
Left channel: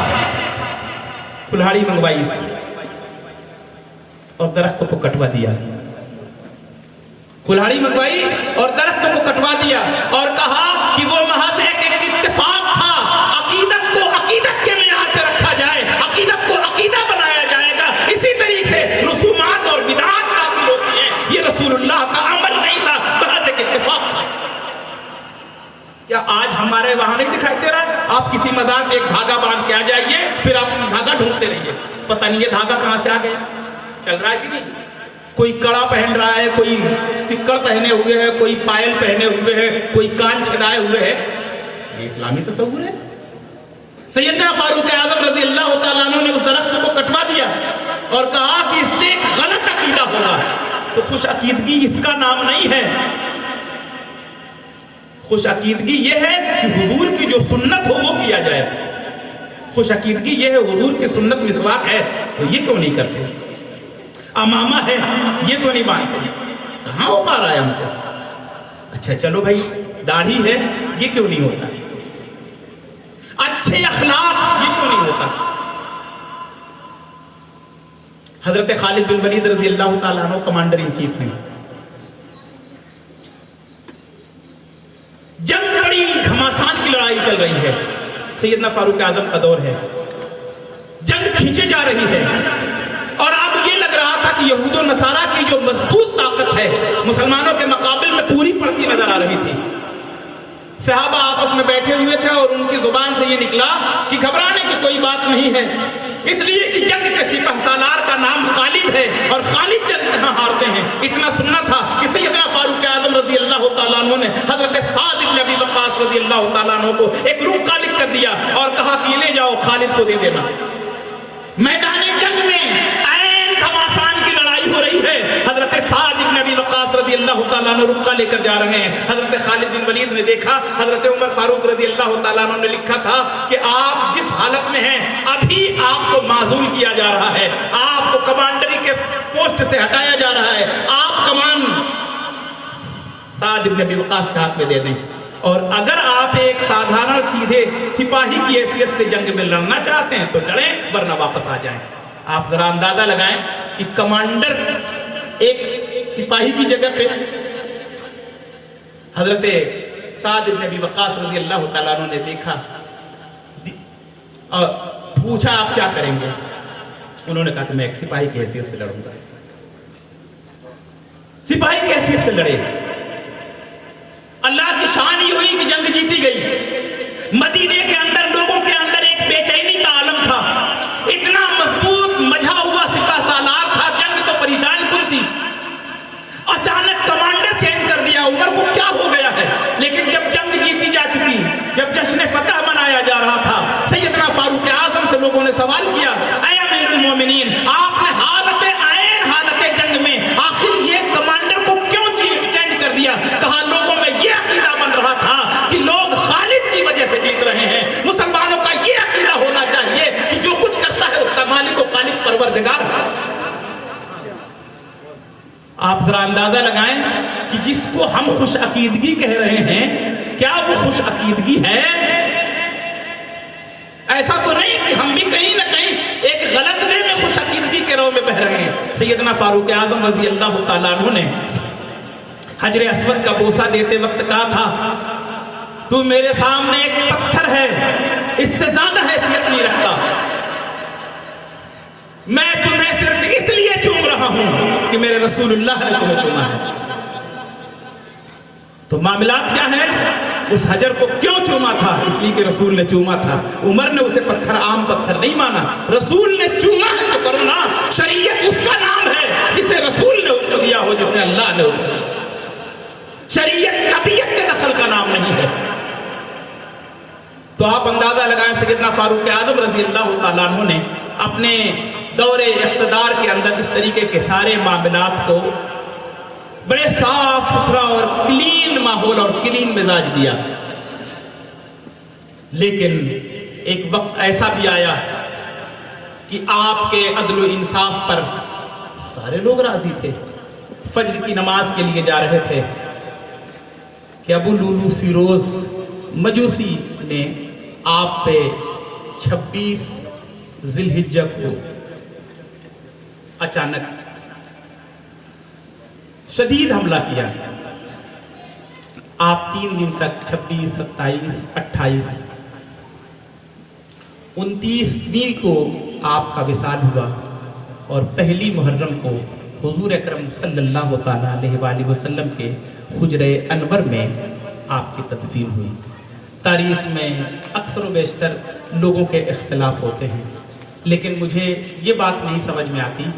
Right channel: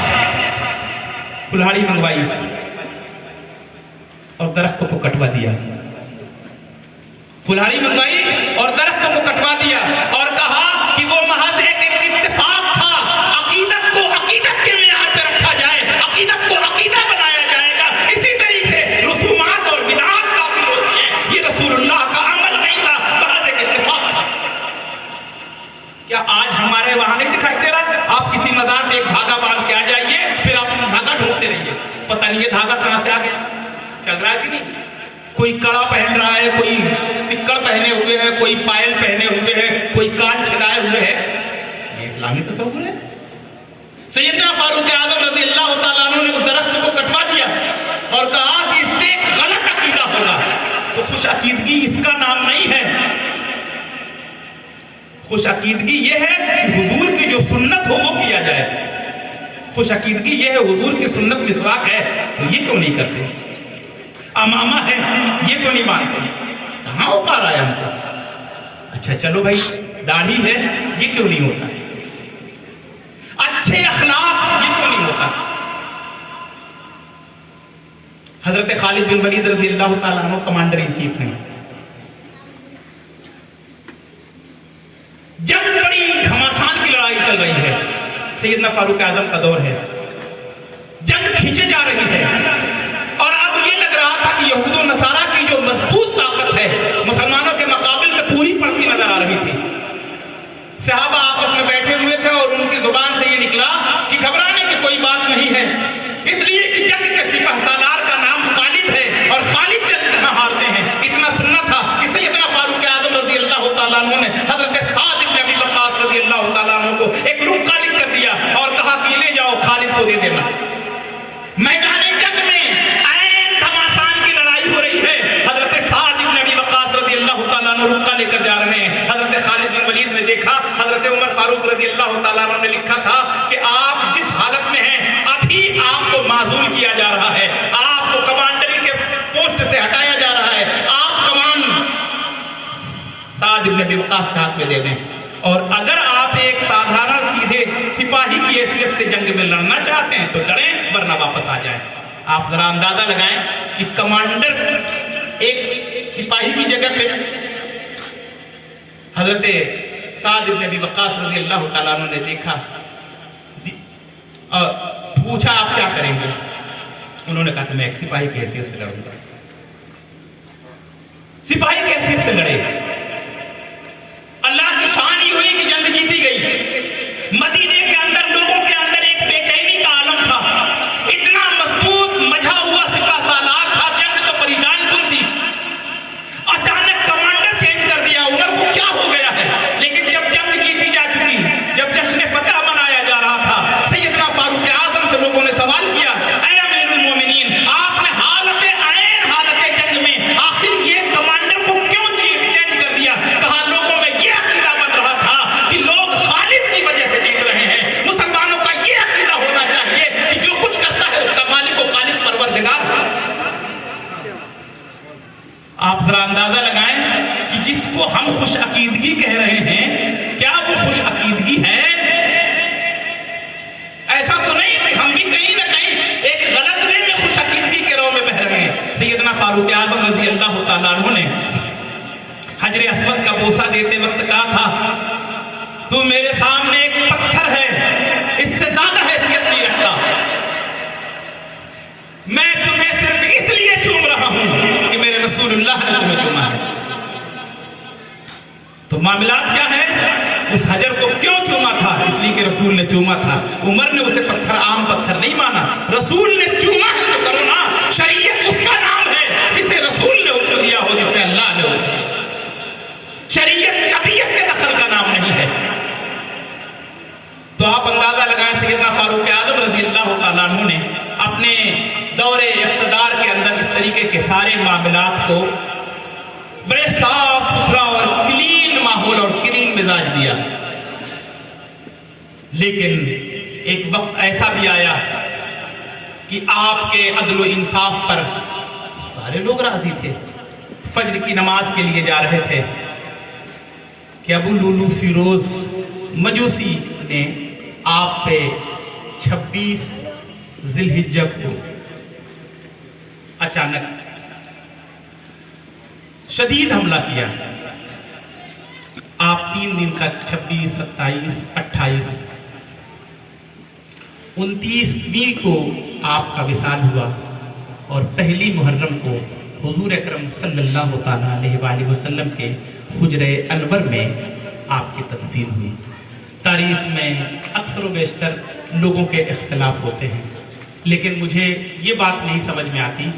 कुल्हाड़ी मंगवाई और दरख्त को कटवा दिया, कुल्हाड़ी मंगवाई और दरख्त को कटवा दिया और कहा कि वो महज एक इत्तेफाक था, अकीदत को अकीदत के मेयार पे रखा जाए, अकीदत को अकीदा बनाया जाएगा। इसी तरीके रसूमात और बिदअत दाखिल होती हैं, ये रसूलुल्लाह का अमल नहीं था, महज एक इत्तेफाक था। क्या आज हमारे वहां नहीं दिखाई दे रहा? आप किसी मजार में एक धागा बांध के आ जाइए, फिर आप धागा ढूंढते रहिए, पता नहीं ये धागा कहां से आ गया। चल रहा है कि नहीं? कोई कड़ा पहन रहा है, कोई सिक्कड़ पहने हुए है, कोई पायल पहने हुए है, कोई कान छेदाए हुए है। ये इस्लामी तस्वुर है? सैयदना फारूक आजम रज़ी अल्लाह तआला अन्हु ने उस दरख्त को कटवा दिया और कहा कि इससे एक गलत अकीदा होगा। तो खुश अकीदगी इसका नाम नहीं है। खुश अकीदगी ये है कि हुजूर की जो सुन्नत हो वो किया जाए। खुश अकीदगी ये है, हुजूर की सुन्नत मिसवाक है तो ये क्यों नहीं करते? अमामा है ये क्यों नहीं मानते? कहाँ हो पा रहा है हमसे? अच्छा चलो भाई, दाढ़ी है ये क्यों नहीं होता? अच्छे अखलाक ये क्यों नहीं होता? हजरत खालिद बिन वलीद रज़ी अल्लाह तआला अन्हु कमांडर इन चीफ हैं। जंग बड़ी घमासान की लड़ाई चल रही है, सैयदना फारूक आजम का दौर है, जंग खींचे जा रही है और अब ये लग रहा था कि यहूदो नसारा की जो मजबूत ताकत है मुसलमानों के मुकाबले में पूरी पड़ती नजर आ रही थी। सहाबा आपस में बैठे हुए थे और उनकी जुबान से ये निकला कि घबराने की कोई बात नहीं है, इसलिए कि जंग के सिपहसालार का नाम खालिद है और खालिद जंग कहाँ हारते हैं। इतना सुनना था कि सैयदना फारूक आजम रज़ी अल्लाह तआला अन्हु ने हजरत साद इब्न अबी वक्कास रज़ी अल्लाह तआला अन्हु को एक रुक्का लिख कर दिया और कहा कि ले जाओ, खालिद को दे देना। मैदान जंग में ऐन घमासान की लड़ाई हो रही है, हजरत साद इब्न अबी वक्कास रज़ी अल्लाह तआला अन्हु रुक्का लेकर जा रहे हैं। हजरत खालिद बिन वलीद ने देखा, हजरत उमर फारूक रज़ी अल्लाह तआला अन्हु ने लिखा था कि आप जिस हालत में हैं अभी आपको माजूल किया जा रहा है, आपको कमांडरी के पोस्ट से हटाया जा रहा है, आप कमान साद इब्न अबी वक्कास के हाथ में दे दें और अगर आप एक साधारण सीधे सिपाही की हैसियत से जंग में लड़ना चाहते हैं तो लड़ें, वरना वापस आ जाएं। आप जरा अंदाजा लगाएं कि कमांडर एक सिपाही की जगह पे हजरत साद इब्न अबी वक्कास रज़ी अल्लाह तआला अन्हु ने देखा और पूछा आप क्या करेंगे? उन्होंने कहा कि मैं एक सिपाही की हैसियत से लड़ूंगा। सिपाही की हैसियत से लड़े। अल्लाह की शान ही हुई कि जंग जीती गई। मदीने के अंदर लोगों के अंदर एक बेचैनी का आलम था, इतना मजबूत मझा हुआ सिपहसालार था, जंग तो परेशान कुन थी। अचानक कमांडर चेंज कर दिया, उमर को क्या हो गया है? लेकिन जब जंग जीती जा चुकी, जब जश्न फतह मनाया जा रहा था, सैयदना फारूक आजम से लोगों ने सवाल किया, ऐ अमीरुल मोमिनीन, आपने हालत जंग में आखिर ये कमांडर को क्यों चेंज कर दिया? कहा लोगों में ये अकीदा बन रहा था कि लोग खालिद की वजह से जीत रहे हैं। मुसलमानों का ये अकीदा होना चाहिए कि जो कुछ करता है उसका मालिक और खालिद परवरदिगार। आप जरा अंदाजा लगाएं कि जिसको हम खुश अकीदगी कह रहे हैं, क्या वो खुश अकीदगी है? ऐसा तो नहीं कि हम भी कहीं ना कहीं एक गलत वे में खुश अकीदगी के राह में बह रहे हैं। सैयदना फारूक आजम रज़ी अल्लाह तआला अन्हु ने हजरे अस्वद का बोसा देते वक्त कहा था, तू मेरे सामने एक पत्थर है, इससे ज्यादा हैसियत नहीं रखता, मैं तुम्हें सिर्फ इसलिए चूम रहा हूं कि मेरे रसूलुल्लाह ने तुम्हें चूमा है। तो मामला क्या है? उस हजर को क्यों चूमा था? इसलिए कि रसूल ने चूमा था। उमर ने उसे पत्थर, आम पत्थर नहीं माना, रसूल ने चूमा है तो करो ना। शरीयत उसका नाम है जिसे रसूल ने हुक्म दिया हो, जिसे अल्लाह ने हुक्म दिया। शरीयत तबीयत के दखल का नाम नहीं है। तो आप अंदाजा लगाएं, सैयदना फारूक आज़म रजी अल्लाह तआला अन्हु ने अपने दौरे इक़्तिदार के अंदर इस तरीके के सारे मामलात को बड़े साफ सुथरा और क्लीन माहौल और क्लीन मिजाज दिया। लेकिन एक वक्त ऐसा भी आया कि आपके अदल व इंसाफ पर सारे लोग राजी थे। फज्र की नमाज के लिए जा रहे थे कि अबू लुलू फिरोज मजूसी ने आप पे 26 जिलहिज्जा को अचानक शदीद हमला किया। आप 3 दिन तक 26, 27, 28, 29वीं को आपका विसाल हुआ और पहली मुहर्रम को हुजूर अकरम सल्लल्लाहु तआला अलैहि वसल्लम के हुजरे अनवर में आपकी तदफीन हुई। तारीख में अक्सर व बेशतर लोगों के इख्तिलाफ होते हैं, लेकिन मुझे ये बात नहीं समझ में आती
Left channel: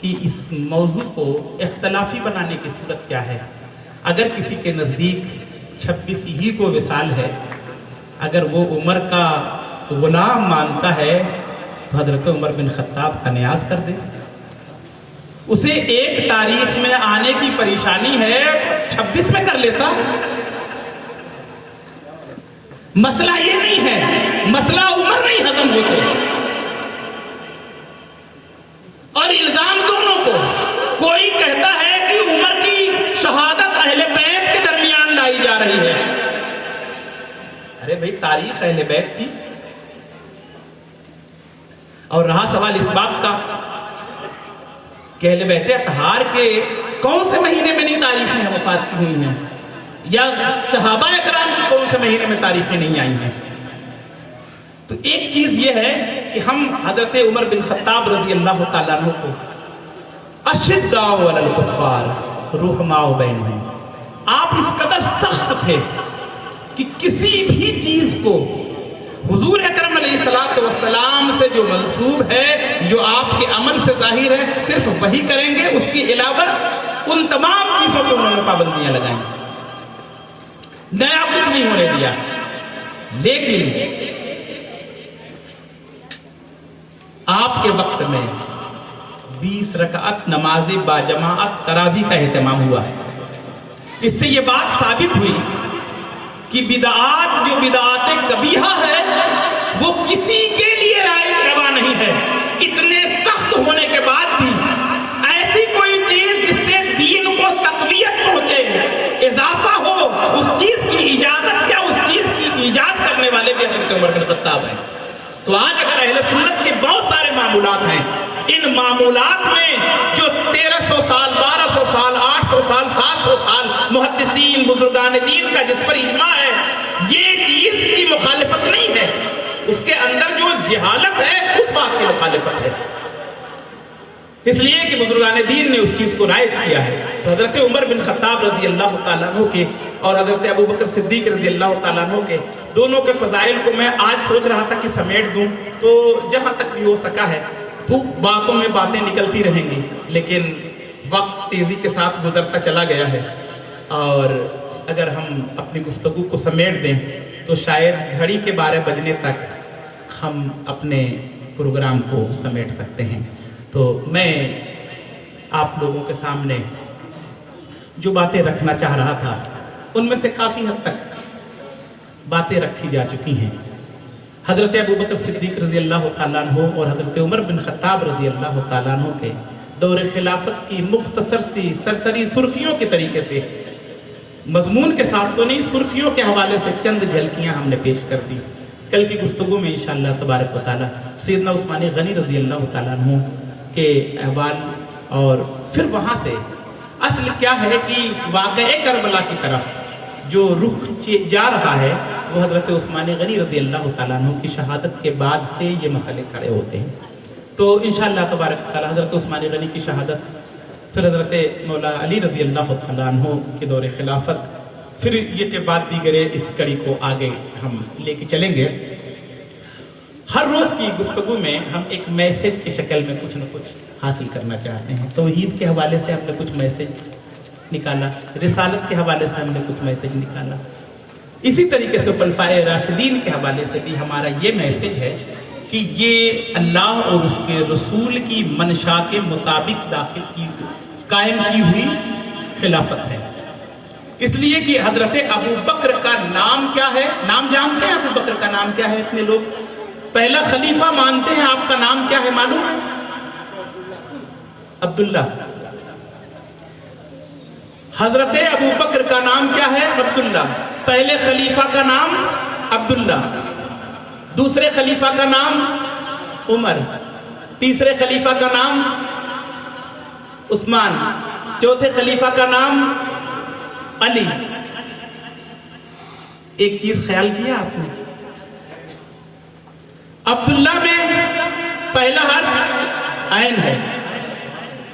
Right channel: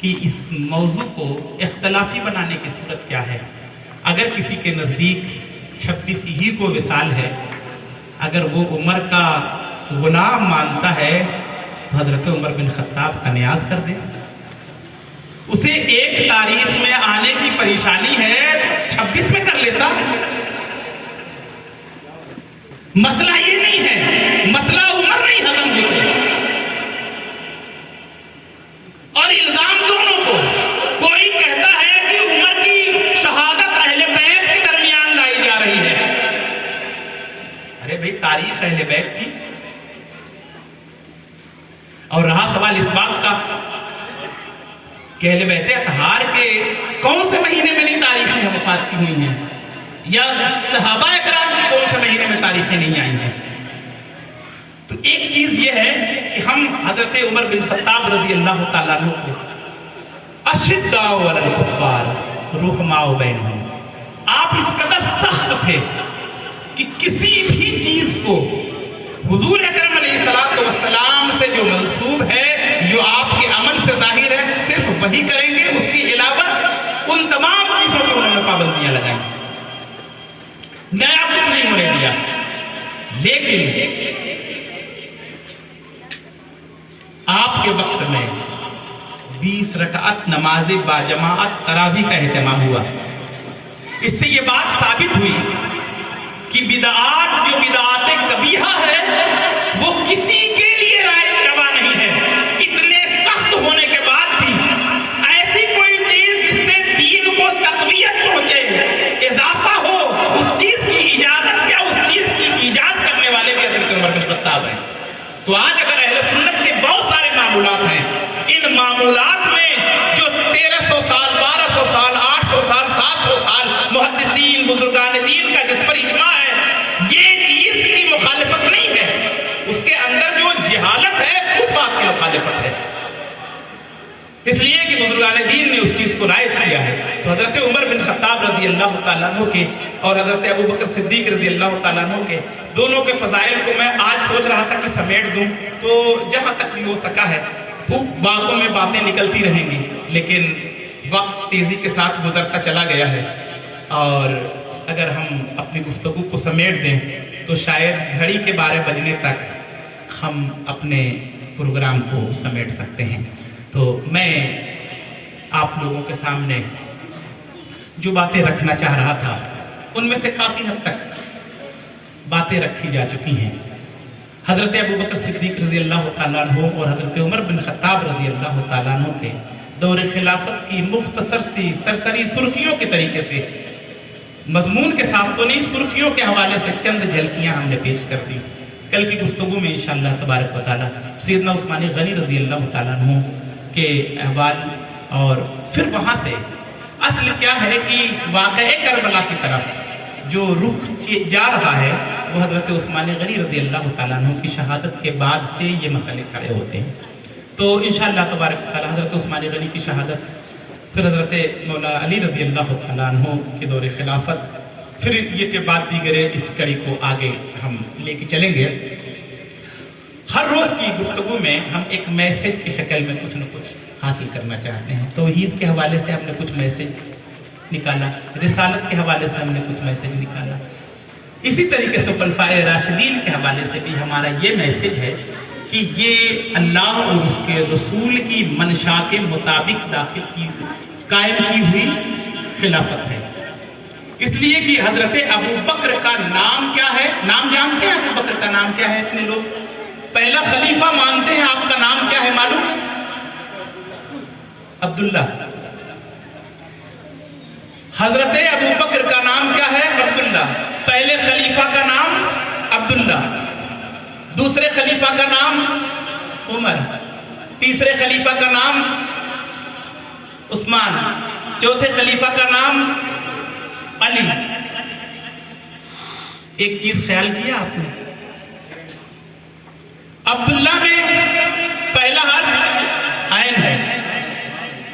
कि इस मौजू को इख्तलाफी बनाने की सूरत क्या है। अगर किसी के नज़दीक 26 ही को विसाल है, अगर वो उमर का गुलाम मानता है तो हज़रत उमर बिन खत्ताब का न्याज कर दे। उसे एक तारीख में आने की परेशानी है, 26 में कर लेता। मसला ये नहीं है, मसला उमर नहीं हजम होते और इल्जाम दोनों को। कोई कहता है कि उमर की शहादत अहले बैत के दरमियान लाई जा रही है। अरे भाई, तारीख अहले बैत की। और रहा सवाल इस बात का कि अहले बैत अतहार के कौन से महीने में नहीं तारीखें वफात की हुई हैं, या सहाबा इकराम की कौन से महीने में तारीखें नहीं आई हैं। तो एक चीज ये है कि हम हजरत उमर बिन खत्ताब रजी अल्लाह तआला अन्हु को अशिद्दाउ अलल कुफ्फार रुहमाउ बैनहुम, आप इस कदर सख्त थे कि किसी भी चीज को हुजूर अकरम अलैहिस्सलातु वस्सलाम से जो मंसूब है, जो आपके अमल से जाहिर है, सिर्फ वही करेंगे। उसके अलावा उन तमाम चीजों पर उन्होंने पाबंदियां लगाई, नया कुछ नहीं होने दिया। लेकिन आपके वक्त में 20 रकात नमाज बाजमाअत तरावी का एहतमाम हुआ। इससे ये बात साबित हुई कि बिदआत, जो बिदआत कबीहा है, वो किसी के लिए रवा नहीं है। इतने सख्त होने के बाद भी ऐसी कोई चीज जिससे दीन को तक़वियत पहुंचे, इजाफा हो, उस चीज की इजाजत क्या, उस चीज की ईजाद करने वाले भी हज़रत उमर बिन खत्ताब हैं। तो आज अगर अहले सुन्नत के बहुत सारे मामूलात हैं, इन मामूलात में जो 1300 साल, 1200 साल, 800 साल, 700 साल मुहद्दिसीन बुजुर्गान दीन का जिस पर इज्मा है, ये चीज की मुखालिफत नहीं है। उसके अंदर जो जहालत है, उस बात की मुखालिफत है। इसलिए कि बुजुर्गान दीन ने उस चीज को राइज किया है। तो हजरत उमर बिन खत्ताब रजी अल्लाह तआला अन्हु के और हजरत अबू बकर सिद्दीक रजी अल्लाह तआला अन्हु के दोनों के फजाइल को मैं आज सोच रहा था कि समेट दूं, तो जहां तक भी हो सका है, खूब बातों में बातें निकलती रहेंगी, लेकिन वक्त तेजी के साथ गुजरता चला गया है। और अगर हम अपनी गुफ्तगू को समेट दें तो शायद घड़ी के 12 बजने तक हम अपने प्रोग्राम को समेट सकते हैं। तो मैं आप लोगों के सामने जो बातें रखना चाह रहा था, उनमें से काफ़ी हद तक बातें रखी जा चुकी हैं। हज़रत अबू बकर सिद्दीक रज़ी अल्लाह तआला अन्हु और हज़रत उमर बिन खत्ताब रज़ी अल्लाह तआला अन्हु के दौर खिलाफत की मुख्तसर सी सरसरी सुर्खियों के तरीके से, मजमून के साथ तो नहीं, सुर्खियों के हवाले से चंद झलकियाँ हमने पेश कर दी। कल की गुफ्तगू में इंशाअल्लाह तबारक व तआला सैयदना उस्मान गनी रज़ी अल्लाह तआला अन्हु के अहवाल, और फिर वहाँ से असल क्या है कि वाक़ए करबला की तरफ जो रुख जा रहा है, वो हज़रत उस्मान गनी रज़ी अल्लाह तआला अन्हु की शहादत के बाद से ये मसले खड़े होते हैं। तो इंशाअल्लाह तबारक व तआला हज़रत उस्मान गनी की शहादत, फिर हज़रत मौला अली रज़ी अल्लाह तआला अन्हु के दौर खिलाफत, پھر یہ کے بعد دیگر اس کڑی کو آگے ہم لے کے چلیں گے۔ ہر روز کی گفتگو میں ہم ایک میسیج کی شکل میں کچھ نہ کچھ حاصل کرنا چاہتے ہیں۔ توحید کے حوالے سے ہم نے کچھ میسیج نکالا، رسالت کے حوالے سے ہم نے کچھ میسیج نکالا، اسی طریقے سے خلفائے راشدین کے حوالے سے بھی ہمارا یہ میسیج ہے کہ یہ اللہ اور اس کے رسول کی منشا کے مطابق قائم کی ہوئی خلافت ہے۔ اس لیے کہ حضرت ابو بکر کا نام کیا ہے؟ نام جانتے ہیں ابو بکر کا نام کیا ہے؟ اتنے لوگ پہلا خلیفہ مانتے ہیں، آپ کا نام کیا ہے معلوم؟ عبداللہ۔ حضرت ابو بکر کا نام کیا ہے؟ عبداللہ۔ پہلے خلیفہ کا نام عبداللہ، دوسرے خلیفہ کا نام عمر، تیسرے خلیفہ کا نام عثمان، چوتھے خلیفہ کا نام علی۔ ایک چیز خیال کیا آپ نے؟ عبداللہ میں پہلا حرف عین ہے،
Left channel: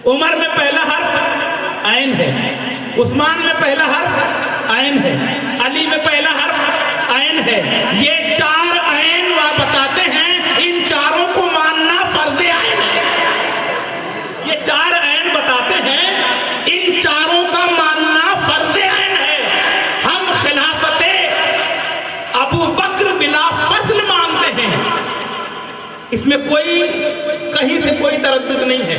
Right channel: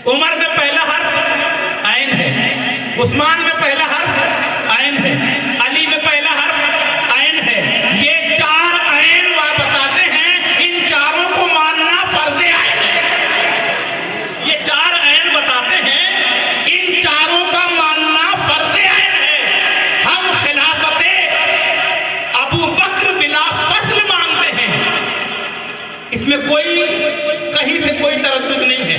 عمر میں پہلا حرف عین ہے، عثمان میں پہلا حرف عین ہے، علی میں پہلا حرف عین ہے۔ یہ چار عین بتاتے ہیں ان چاروں کو ماننا فرض عین ہے۔ یہ چار عین بتاتے ہیں ان چاروں کا ماننا فرض عین ہے۔ ہم خلافت ابو بکر بلا فصل مانتے ہیں، اس میں کوئی کہیں سے کوئی تردد نہیں ہے۔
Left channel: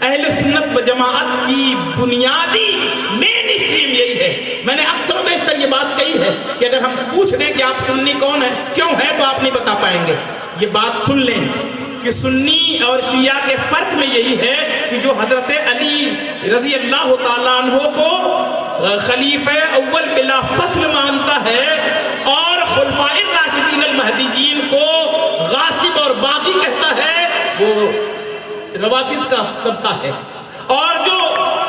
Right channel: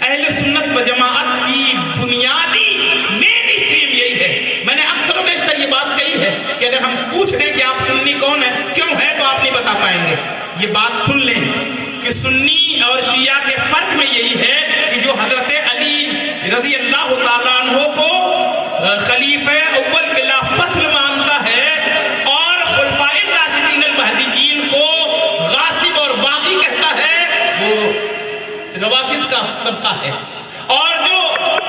اہل سنت و جماعت کی بنیادی مین اسٹریم یہی ہے۔ میں نے اکثر و بیشتر یہ بات کہی ہے کہ اگر ہم پوچھ دیں کہ آپ سنی کون ہیں، کیوں ہے، تو آپ نہیں بتا پائیں گے۔ یہ بات سن لیں کہ سنی اور شیعہ کے فرق میں یہی ہے کہ جو حضرت علی رضی اللہ تعالیٰ عنہ کو خلیفہ اول بلا فصل مانتا ہے اور خلفائے راشدین المہدیین کو غاصب اور باغی کہتا ہے، وہ روافض کا طبقہ ہے۔ اور جو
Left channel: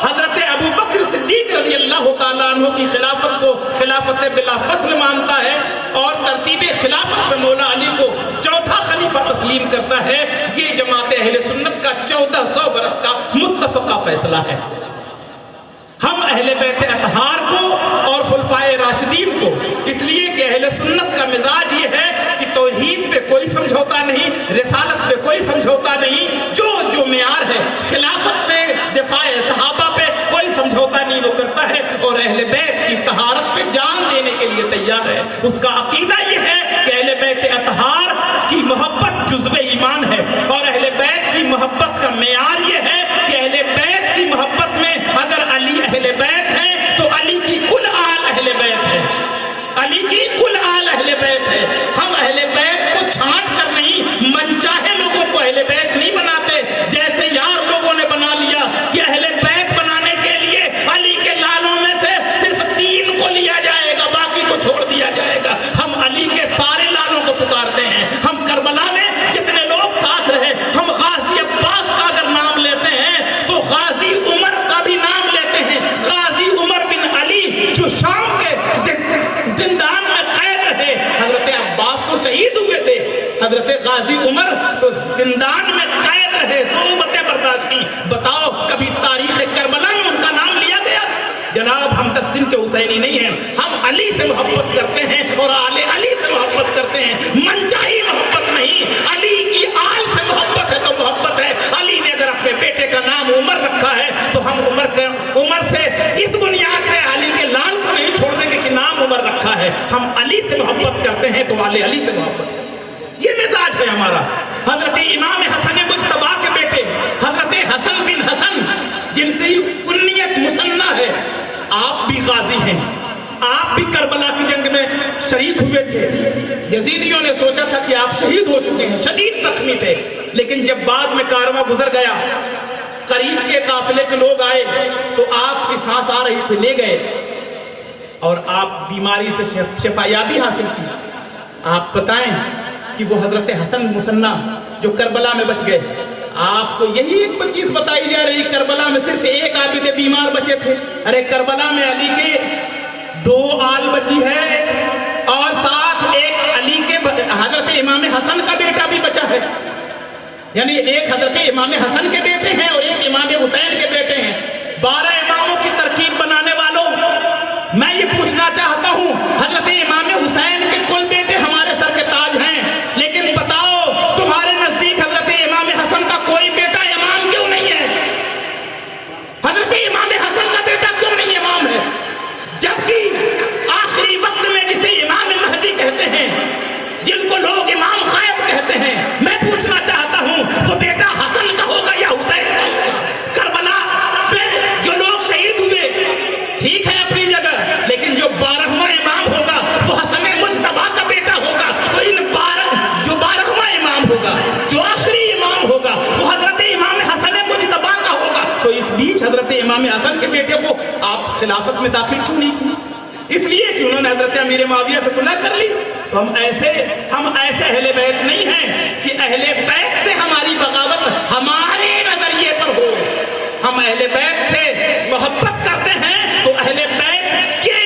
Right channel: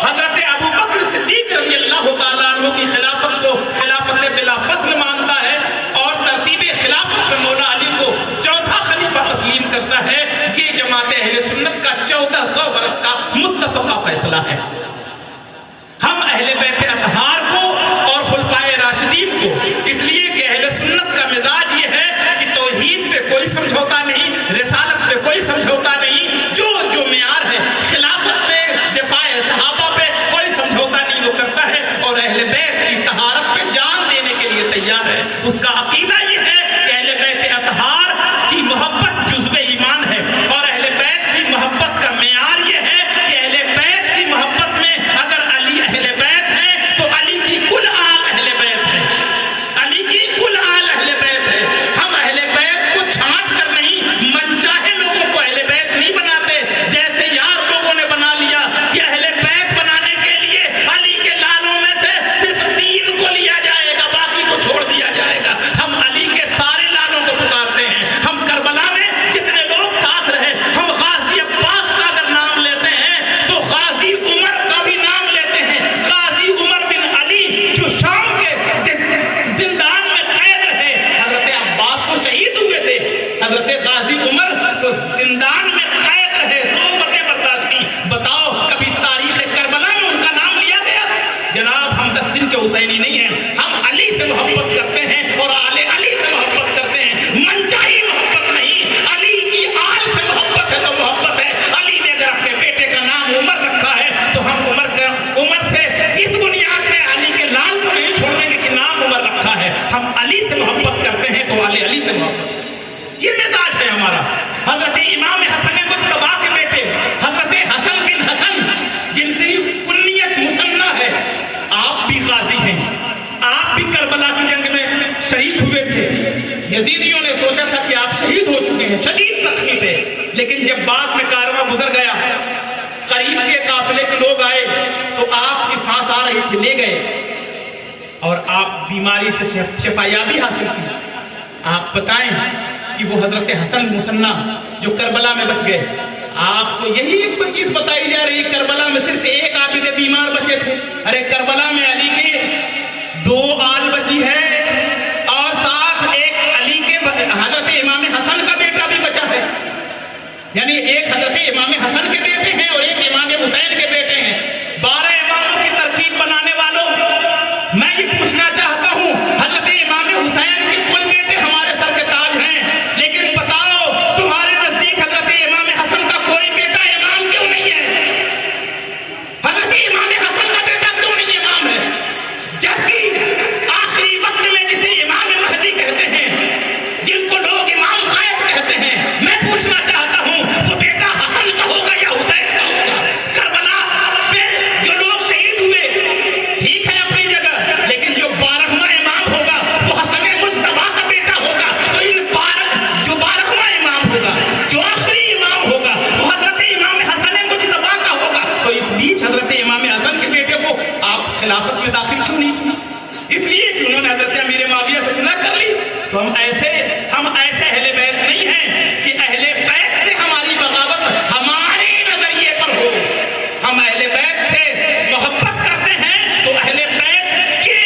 حضرت ابو بکر صدیق رضی اللہ تعالیٰ عنہ کی خلافت کو خلافت بلا فصل مانتا ہے اور ترتیب خلافت پہ مولا علی کو چوتھا خلیفہ تسلیم کرتا ہے، یہ جماعت اہل سنت کا 1400 برس کا متفقہ فیصلہ ہے۔ ہم اہل بیت اطہار کو اور خلفائے راشدین کو، اس لیے کہ اہل سنت کا مزاج یہ ہے کہ توحید پہ کوئی سمجھوتا نہیں، رسالت پہ کوئی سمجھوتا نہیں، جو معیار ہے خلافت پہ، دفاع صحابہ پہ کوئی سمجھوتا نہیں وہ کرتا ہے، اور اہل بیت کی طہارت پہ جان دینے کے لیے تیار ہے۔ اس کا عقیدہ یہ ہے کہ اہل بیت اطہار کی محبت جزو ایمان ہے، اور اہل بیت کی محبت کا معیار یہ ہے کہ اہل بیت کی محبت میں اگر علی اہل بیت ہے تو علی کی کل آل اہل بیت ہے، علی کی کل آل اہل بیت ہے۔ ہم اہل بیت کو چھانٹ کر نہیں، من چاہے لوگوں کو اہل بیت نہیں بناتے، جیسے یار لوگوں نے بنا لیا کہ اہل بیت بنانے کے لیے علی کے لالوں میں سے صرف 3 کو لیا جائے گا، باقی کو چھوڑ دیا جائے گا۔ ہم علی کے سارے لالوں کو پکارتے ہیں۔ ہم کربلا میں جتنے لوگ ساتھ رہے، ہم غازی عباس کا اگر نام لیتے ہیں تو غازی عمر کا بھی نام لیتے ہیں۔ غازی عمر بن علی جو شام کے زندان میں قید رہے، حضرت عباس تو شہید ہوئے تھے، حضرت غازی عمر تو زندان میں قید رہے، صعوبتیں برداشت کی۔ بتاؤ کبھی تاریخ کربلا میں ان کا نام لیا گیا؟ جناب ہم 10 دن کے حسینی نہیں ہیں، ہم علی سے محبت کرتے ہیں اور آل علی سے محبت کرتے ہیں، منچاہی محبت نہیں۔ علی کی آل سے محبت ہے تو محبت ہے۔ علی نے اگر اپنے بیٹے کا نام عمر رکھا ہے تو ہم عمر سے اس بنیاد پہ علی کے لال کو نہیں چھوڑ دیں گے کہ نام عمر رکھا ہے۔ ہم علی سے محبت کرتے ہیں تو آل علی سے محبت، یہ مزاج ہے ہمارا۔ حضرت امام حسن مجتبی کے بیٹے حضرت حسن بن حسن، جن کی کنیت مسنہ ہے، آپ بھی غازی ہیں، آپ بھی کربلا کی جنگ میں شریک ہوئے تھے۔ یزیدیوں نے سوچا تھا کہ آپ شہید ہو چکے ہیں، شدید زخمی تھے، لیکن جب بعد میں کارواں گزر گیا، قریب کے قافلے کے لوگ آئے تو آپ کی سانس آ رہی تھی، لے گئے اور آپ بیماری سے شفایابی حاصل کی۔ آپ بتائیں کہ وہ حضرت حسن مسنہ جو کربلا میں بچ گئے، آپ کو یہی ایک چیز بتائی جا رہی ہے، کربلا میں صرف ایک عابد بیمار بچے تھے۔ ارے کربلا میں علی کے 2 آل بچی ہے اور ساتھ ایک علی کے حضرت امام حسن کا بیٹا بھی بچا ہے، یعنی ایک حضرت امام حسن کے بیٹے ہیں اور ایک امام حسین کے بیٹے ہیں۔ 12 اماموں کی ترکیب بنانے والوں، میں یہ پوچھنا تو ہم ایسے اہل بیت نہیں ہیں کہ اہل بیت سے ہماری بغاوت ہمارے نظریے پر ہو. ہم اہل بیت سے محبت کرتے ہیں تو اہل بیت کے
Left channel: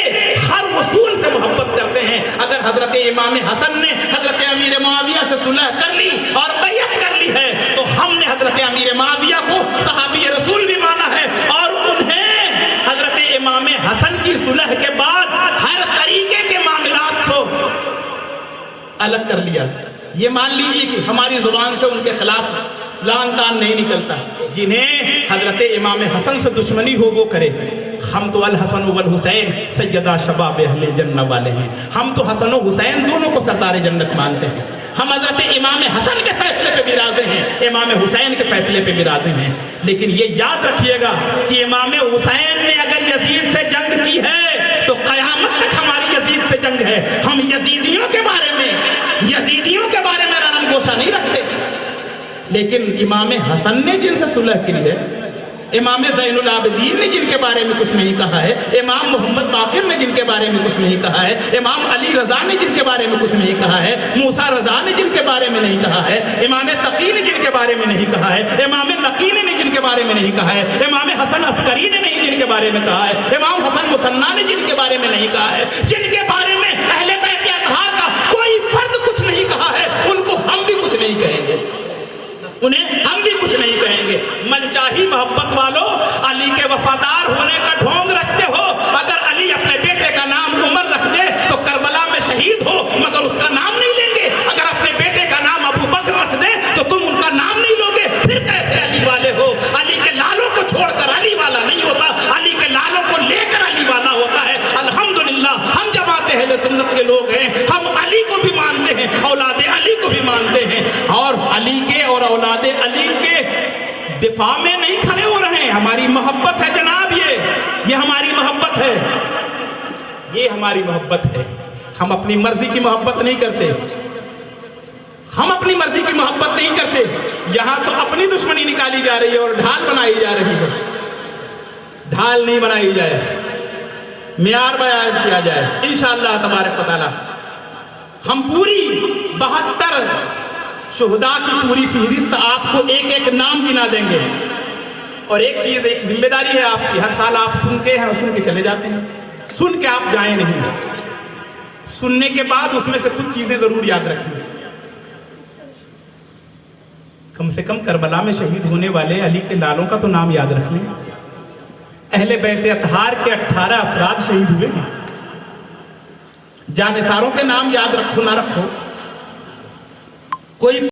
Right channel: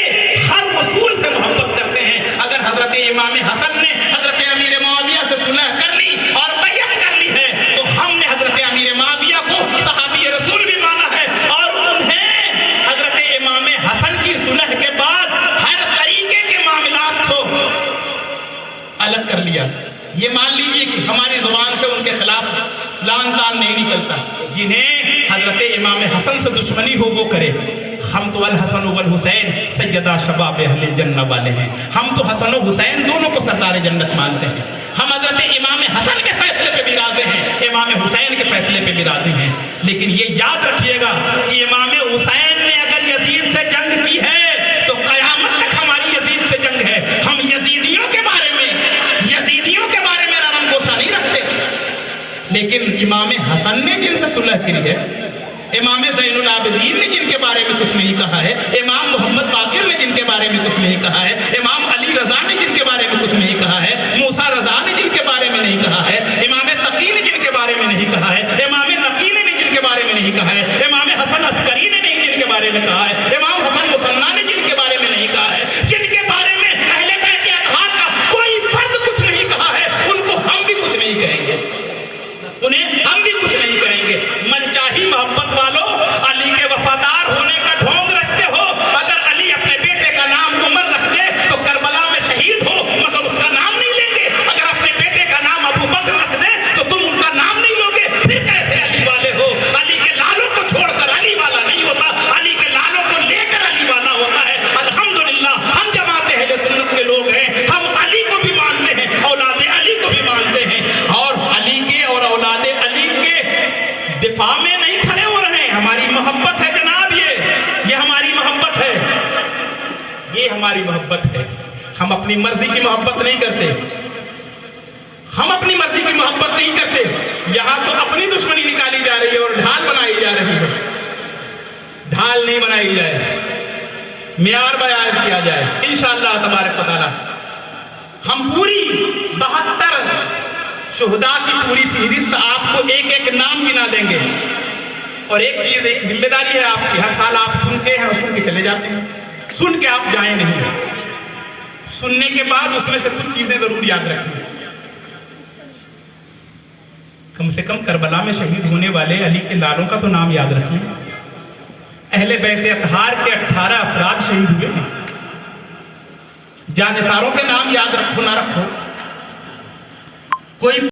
ہر اصول سے محبت کرتے ہیں. اگر حضرت امام حسن نے حضرت امیر معاویہ سے صلح کر لی اور بیعت کر لی ہے تو ہم نے حضرت امیر معاویہ کو صحابی رسول بھی مانا ہے اور انہیں حضرت امام حسن کی صلح کے بعد ہر طریقے کے معاملات کو الگ کر لیا. یہ مان لیجئے کہ ہماری زبان سے ان کے خلاف لان تان نہیں نکلتا. جنہیں حضرت امام حسن سے دشمنی ہو وہ کرے. ہم تو الحسن والحسین سیدہ شباب اہل الجنہ والے ہیں. ہم تو حسن و حسین دونوں کو سردار جنت مانتے ہیں. ہم حضرت امام حسن کے فیصلے پہ بھی راضی ہیں, امام حسین کے فیصلے پہ بھی راضی ہیں. لیکن یہ یاد رکھیے گا کہ امام حسین نے اگر یزید سے جنگ کی ہے تو قیامت تک ہماری یزید سے جنگ ہے. ہم یزیدیوں کے بارے میں رنم گوشہ نہیں رکھتے. لیکن امام حسن نے جن سے صلح کی ہے, امام زین العابدین نے جن کے بارے میں کچھ نہیں کہا ہے, امام محمد باقر نے جن کے بارے میں کچھ نہیں کہا ہے, امام علی رضا نے جن کے بارے میں کچھ نہیں کہا ہے, موسیٰ رضا نے جن کے بارے میں نہیں کہا ہے, امام تقی نے جن کے بارے میں نہیں کہا ہے, امام نقی نے جن کے بارے میں نہیں کہا ہے, امام حسن عسکری نے نہیں جن کے بارے میں کہا ہے, امام حسن مصنع نے جن کے بارے میں نہیں کہا ہے, جن کے بارے میں اہل بیت اطہار کا کوئی فرد کچھ نہیں کہا ہے, ان کو ہم بھی کچھ نہیں کہیں گے. انہیں ہم بھی کچھ نہیں کہیں گے. منچاہی محبت والو, علی کے وفادار ہونے کا ڈھونگ رکھتے ہو. اگر علی اپنے بیٹے کا نام عمر رکھ دے تو کربلا میں شہید ہو مگر اس کا نام نہیں لیں گے. اگر اپنے بیٹے کا نام ابو بکر رکھ دے تو تم ان کا نام نہیں لوگے. پھر کیسے علی والے ہو؟ علی کے لالوں کو چھوڑ کر علی والا نہیں ہوتا, علی کے لالوں کو لے کر علی والا ہوتا ہے. الحمدللہ ہم جماعت اہل سنت کے لوگ ہیں. ہم علی کو بھی مانتے ہیں, اولاد علی کو بھی مانتے ہیں, اور علی کے اور اولاد علی کے دفاع میں نہیں کھڑے ہو رہے ہیں. ہماری محبت ہے جناب, یہ ہماری محبت ہے, یہ ہماری محبت ہے. ہم اپنی مرضی کی محبت نہیں کرتے, ہم اپنی مرضی کی محبت نہیں کرتے. یہاں تو اپنی دشمنی نکالی جا رہی ہے اور ڈھال بنائی جا رہی ہے. ڈھال نہیں بنائی جائے, معیار بیان کیا جائے انشاءاللہ تبارک و تعالی. ہم پوری 72 شہداء کی پوری فہرست آپ کو ایک ایک نام گنا دیں گے. اور ایک چیز, ایک ذمہ داری ہے آپ کی, ہر سال آپ سنتے ہیں اور سن کے چلے جاتے ہیں, سن کے آپ جائیں نہیں. سننے کے بعد اس میں سے کچھ چیزیں ضرور یاد رکھیں. کم سے کم کربلا میں شہید ہونے والے علی کے لالوں کا تو نام یاد رکھیں. اہل بیت اطہار کے 18 افراد شہید ہوئے ہیں. جانثاروں کے نام یاد رکھو نہ رکھو, کوئی